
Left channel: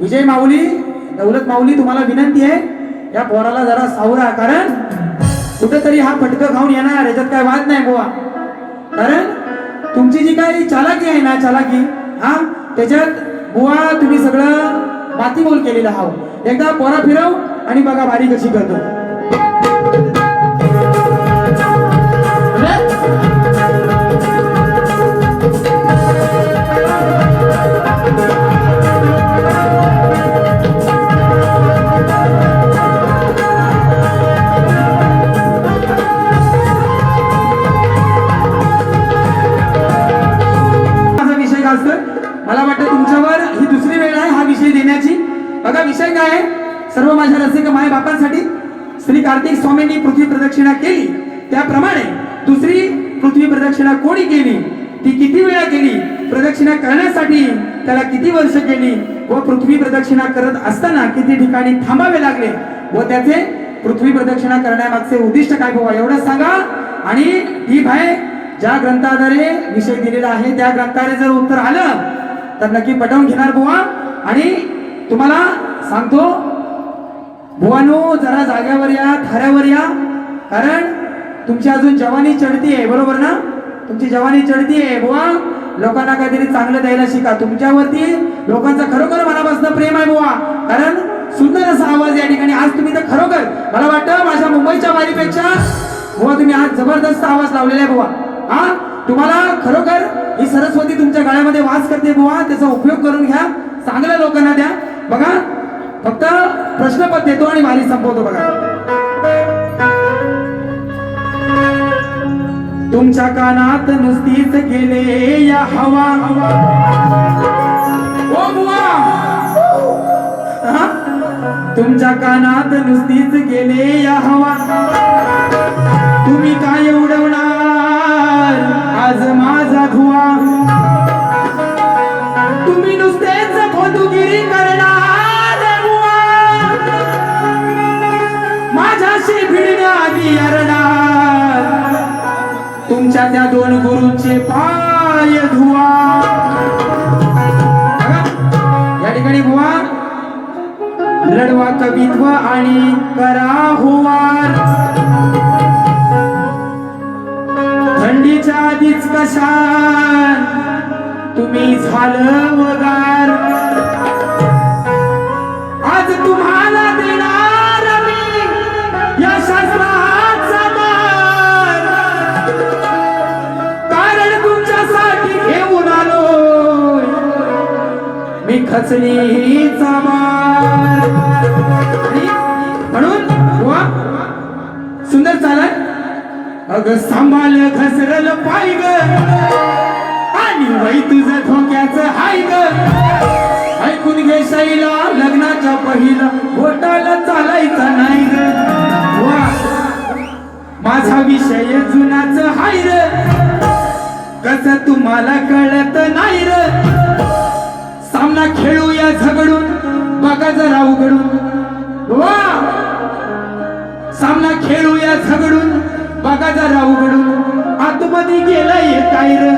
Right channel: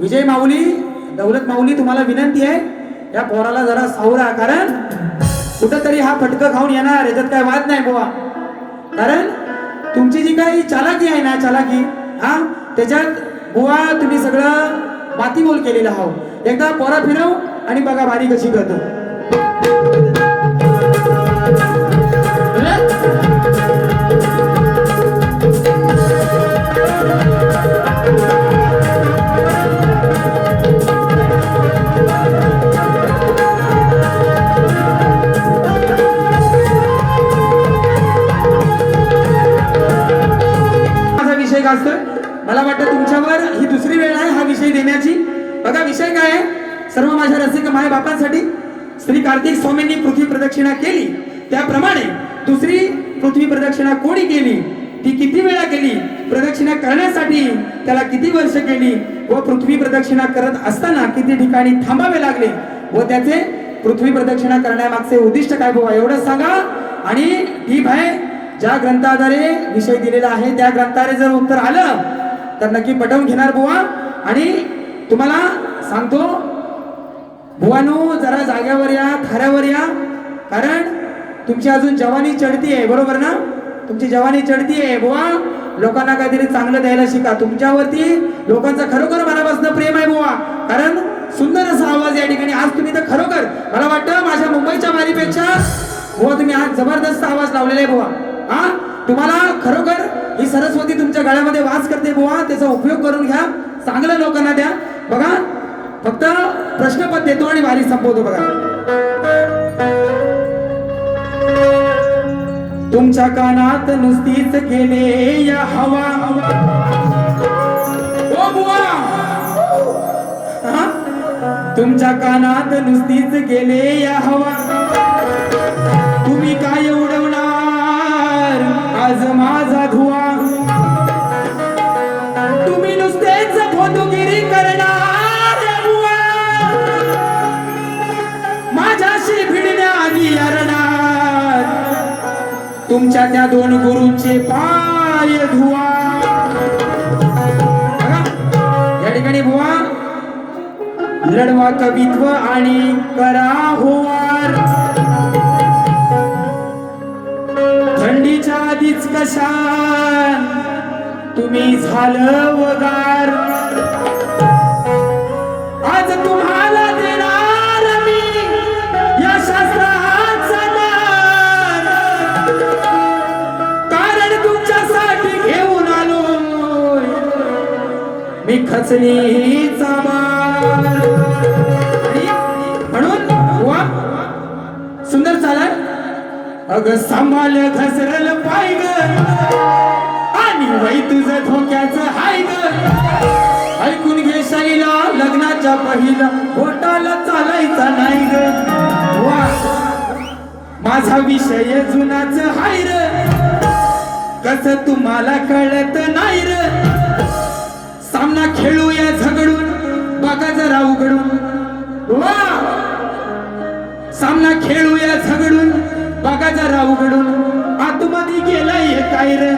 विजय माऊली दौलत माऊली तुम्हाला विनंती आहे या पोराला जरा सावरा कारण कुठंतरी हा फटकं खाऊन येणार याच्यात काय वाद नाही बुवा. कारण तुमची जी काही चालाकी आहे ना चालाकी हा त्याच्यात बुवा तुम्ही सगळं मातीमोल केलेलं आहात. एकदा पोरा फिरव आणि बघा बारी कशी करतो. मला वाटतं तुमच्यावर ही दुसरी वेळ आहे हा विषय देण्याची. बघा विषय काय आहे सर्व माझ्या रसिक माय बापांसाठी श्री कार्तिक स्वामींनी पृथ्वी प्रदक्षिणा केली त्याप्रमाणे दुसरी पृथ्वी प्रदक्षिणा कोणी केली ती किती वेळा केली प्रदक्षिणा करण्यासाठी त्याला किती वर्ष केली व पृथ्वी प्रदक्षिणा करत असताना किती ठिकाणी थांबावे लागले व त्याचे पृथ्वी प्रदक्षिणा करण्यामागचे उद्दिष्ट काय बुवा एवढं सांगा. आणि ठीक आहे ज्या ग्रंथाद्वारे विषय दिलेला आहे त्या ग्रंथाद्वारे जर उत्तर आलं तर नक्की पटवून घेणार बुवा. आणि तुम्हाला सांगतो बुवानो जरा जाग्यावर या थाऱ्यावर या कारण तुमची अजून जवानी चढती आहे बरोबर ना. तुमची जवानी चढती आहे बुवा. लोकांना काहीतरी चांगलं द्यायला शिका. तुमच्यावरती लोकांचं खरोखर मनापासून प्रेम आहे बुवा कारण सुंदर असा आवाज या ठिकाणी आज तुम्ही तर खरोखर मला वाटतं माझ्या मुंबईच्या वारीपेक्षा बुवा तुम्ही आज जबरदस्त आवाज लावलेला आहे बुवा. हा तुम्हाला खरोखर ही सरस्वती तुमच्या गळ्यामध्ये वास करते बुवा. त्याचा उपयोग करून घ्या चांगल्या लोकांना द्या. बघा फक्त प्रश्नपत्र देतो आणि वारी संपवतो. बघा तुमच्या कानात नुसतीच गेले या हवा ओ बुवा. तुमच्या कानात नुसतीच गेले या हवा तुम्ही काय उडवणार आज माझा धुवा. तुम्ही नुसतेच फोटोगिरी करणार बुवा माझ्याशी भिडण्याआधी अरणार. तुमच्या त्या दोन गुरूंचे पाय धुवा. बघा, या ठिकाणी बुवा रडवा कवित्व आणि करा होवार. थंडीच्या आधीच कशान तुम्ही झालं वगार. आज तुम्हाला देणार मी या शास्त्राचा मान, कारण तुमच्यासाठी घेऊन आलोय मी खचलीचा मान. आणि म्हणून वा सुंदर चालाय. अग सांभाळ घसरल पाय ग आणि वै तुझं धोक्याचं हाय ग. ऐकून घे शैला लग्नाच्या पहिला बोटाला चालायचा नाही ग. वा माझा विषय जुनाच हाय र, कस तुम्हाला कळत नाही र. सामना खेळूया झगडून बघा जरा उघडून. वा सामना खेळूया झगडून बघा जरा उघडून. आतमध्ये गेलाय काय र.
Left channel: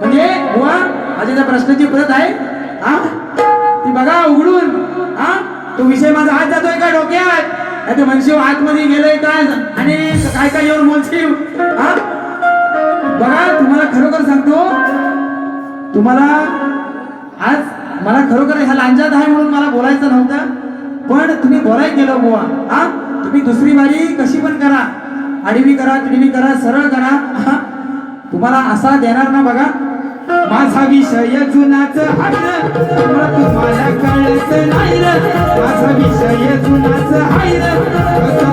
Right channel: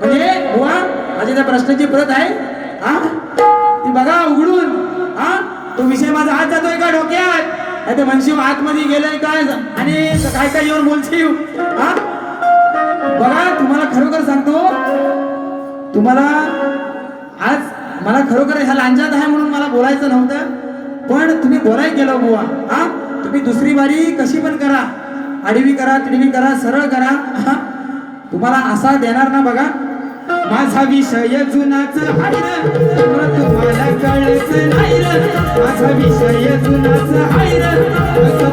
म्हणजे वा माझी त्या प्रश्नाची परत आहे हा ती बघा उघडून. हा तो विषय माझा हात जातोय का डोक्यात, नाही तो म्हणशीव आतमध्ये गेलोय काय आणि काय काय येऊन बोलशीव. हा बघा तुम्हाला खरोखर सांगतो, तुम्हाला आज मला खरोखर ह्या लांजात आहे म्हणून मला बोलायचं नव्हतं, पण तुम्ही बोलायला गेलो बुवा. हा तुम्ही दुसरी बारी कशी पण करा, आडवी करा तिडवी करा सरळ करा, तुम्हाला असा देणार ना. बघा माझा विषय जुनाच हाय र, तुम्हाला कळत नाही र. माझा विषय जुनाच हाय र,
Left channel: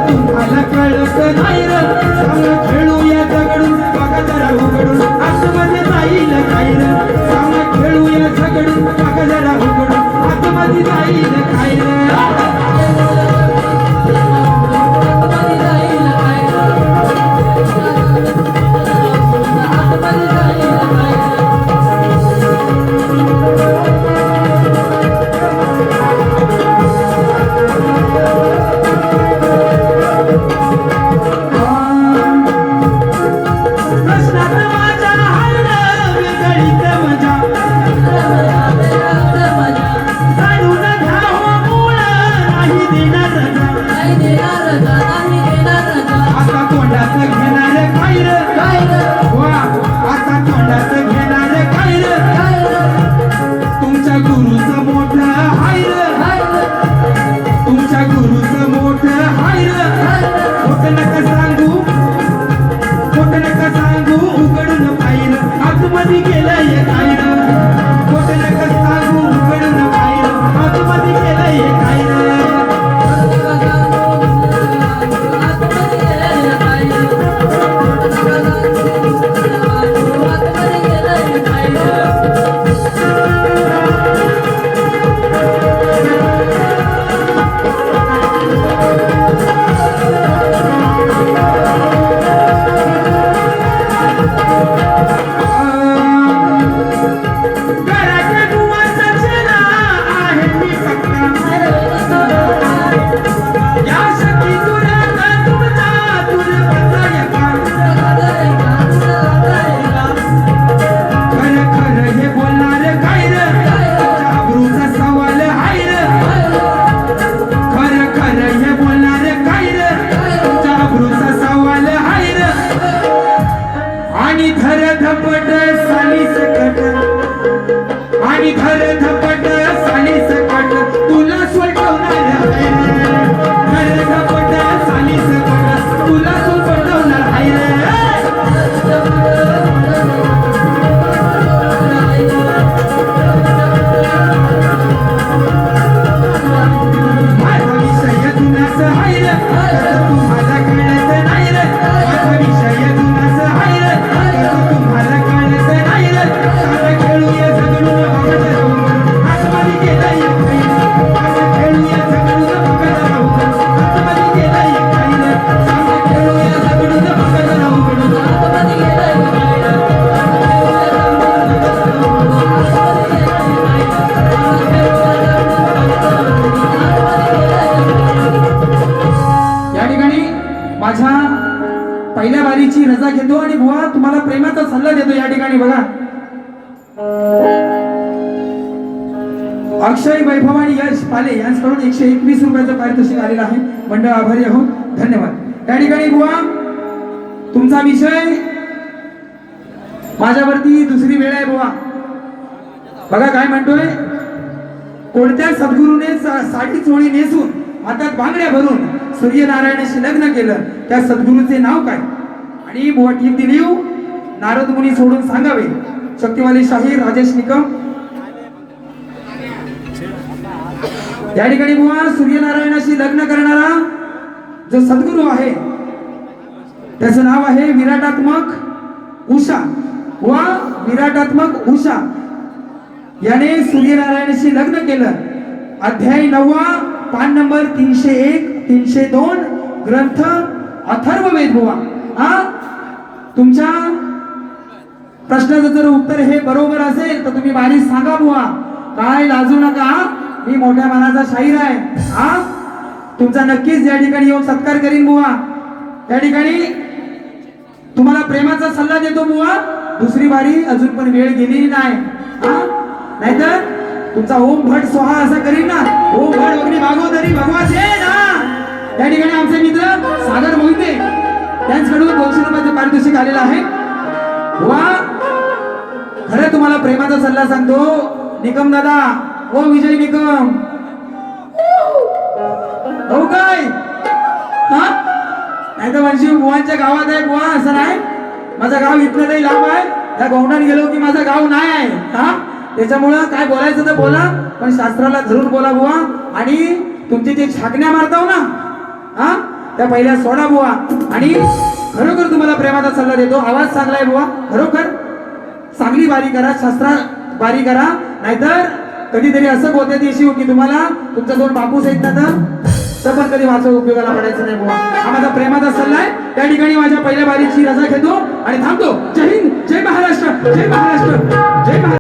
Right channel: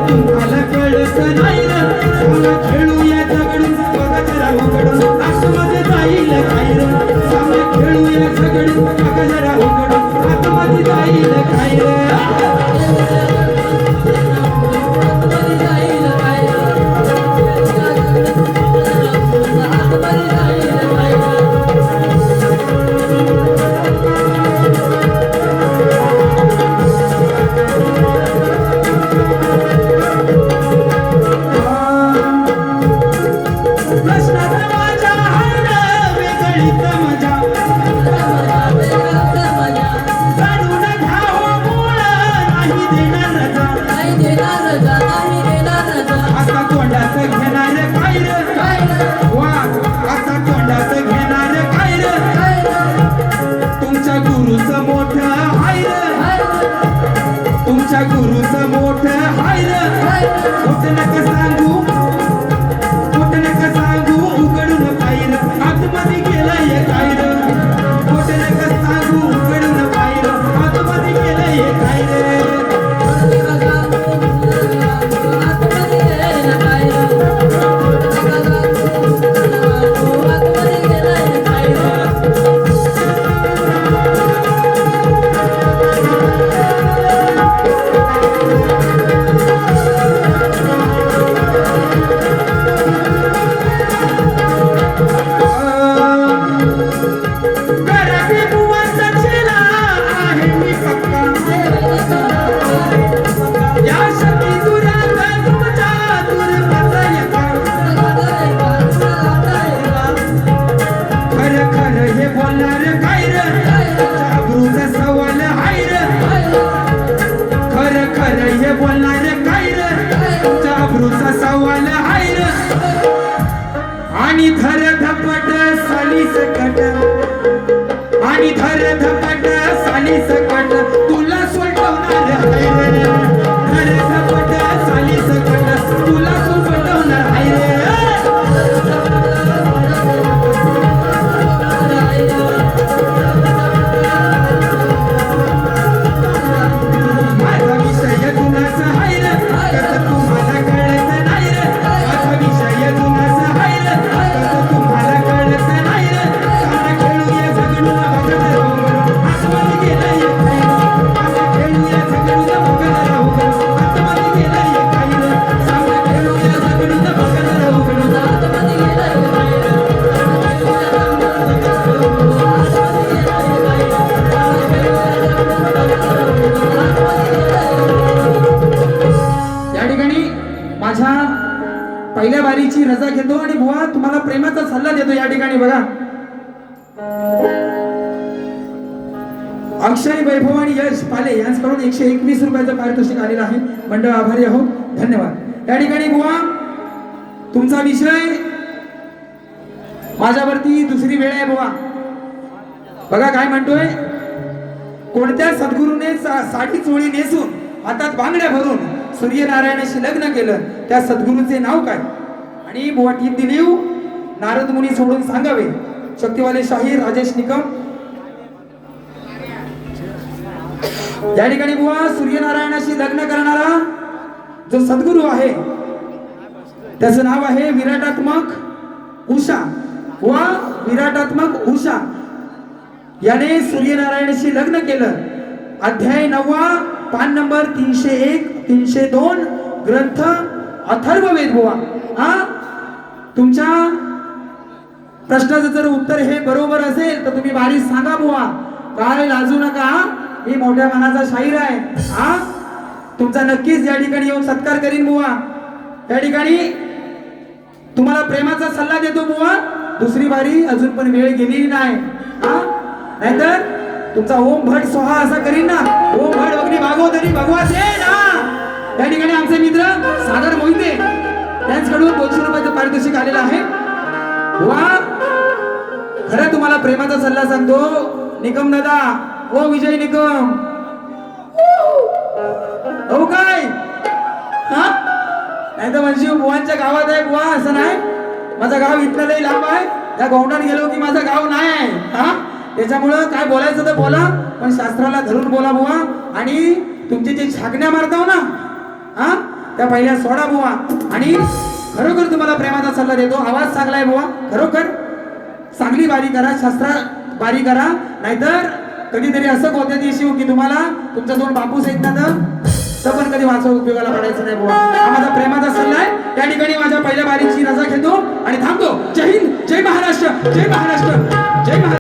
तुम्हाला कळत नाही र. सामना खेळूया झगडून बघा जरा उघडून. आतमध्ये जाईल काय र. सामना खेळूया झगडून बघा जरा उघडून. आतमध्ये जाईल काय र. आता तोंडात घेणार काय र. वा आता तोंडात घेणार काय र. तुमच्या गुरुचं मोठं हाय र, तुमच्या गुरुचं मोठं हाय र. खोटं नका सांगू, खोटं नका सांगू उघडून पाहिलं. आतमध्ये गेलंय काय र. खोटं नका सांगू उघडून पाहिलं. आतमध्ये गेलंय काय र. आणि धर धपट साली सकट, आणि धर धपट साली सकट तुला सोडवणार आहे रे. धर धपट साली सकट तुला सोडवणार आहे रे. माझा विषय जुनाच आहे रे, कसं तुम्हाला कळत नाही रे. माझा विषय जुनाच आहे रे, तुम्हाला कळत नाही रे. सारं खेळूया झगडून बघत राहू. पहिल्या बारीची रजा घेतो आणि बुवा तुम्हाला प्रेमाचा सल्ला देतो या ठिकाणी बघा. अक्षय वैभव आणि यश पाले यांच्याकडून 121 रुपयाचं पारितोषिक आलेलं आहे. मंडळ आभारी आहोत, धन्यवाद. या ठिकाणी बुवा तुमचा विषय माझ्यावरती दुसरी वेळ आहे बुवा. बघा काय म्हणतोय, कोणत्या सद्गुरूने 60 चोळी नेसून हातात बांगड्या भरून सूर्यनारायणाशी लग्न केलं, त्या सद्गुरूचे नाव काय? आणि बुवा टीप दिली, नारद मुनी सोडून सांगावे. शक्तिवाले शाहीर राजेश निकम. या ठिकाणी बुवा सूर्यनारायणाशी लग्न करणारा जो सद्गुरू आहे त्याचं नाव आहे विराटात्मक उषा व विराटात्मक उषा याने सूर्यनारायणाशी लग्न केलं. अध्याय 9 पान नंबर 301 302 ग्रंथ अथर्ववेद बुवा. तुमच्या प्रश्नाचं जर उत्तर हे बरोबर असेल तर तुम्ही बारीक सांगा बुवा, काय लाजू नका. मी मोठ्या मनाचा शाहीर आहे. तुमचा नक्कीच या ठिकाणी येऊन सत्कार करीन बुवा. या ठिकाणी तुम्हाला प्रेमाचा सल्ला देतो बुवा. दुसरी बारी अजून पण वेळ गेलेली नाही. नाहीतर तुमचा ओम भट सोहा असा करीन ना, ओम भट अग्नी भागवतरी भगवाचे ना. या ठिकाणी आमचे मित्र सागर मोहिते त्यांच्याकडून 200 रुपयाचं पारितोषिक आलेलं आहे. बुवा खरं तुम्हाला प्रेमाचा सल्ला सांगतो निकम दादा, ओ विजय निकम. हो काय नाही तर म्हणजे बुवांच्या गावात आहे बुवा, असं नाही. माझं गाव इथलं लई लांब आहे. त्या गौंडात गेलो की माझं गाव नाही आहे. त्याच्यामुळं काय बोलायचं तर बोला, पण शास्त्राला धरून बोला बुवा. आणि तुमचे जे छागण्या मारताव ना त्या पहिल्या सोडा बुवा. आणि खरोखर तुम्हाला प्रेमाचा सल्ला देतो. आवाज चांगला आहे बुवा, खरोखर चांगली बारी करा, शास्त्रा बारी करा. नाहीतर कधीतरी असं होतं दिवशी की तुम्हाला तुमचा 2 बापूस आहेत ना तर पण कधी माझा उपयोगाला पडायचं नाही बुवा. हा माझा प्रेमाचा सल्ला आहे. त्या ठिकाणी माझ्या पहिल्या बारीची रजा घेतो आणि थांबतो. जय हिंद, जय महाराष्ट्र, जय महाराष्ट्र, जय महाराष्ट्र.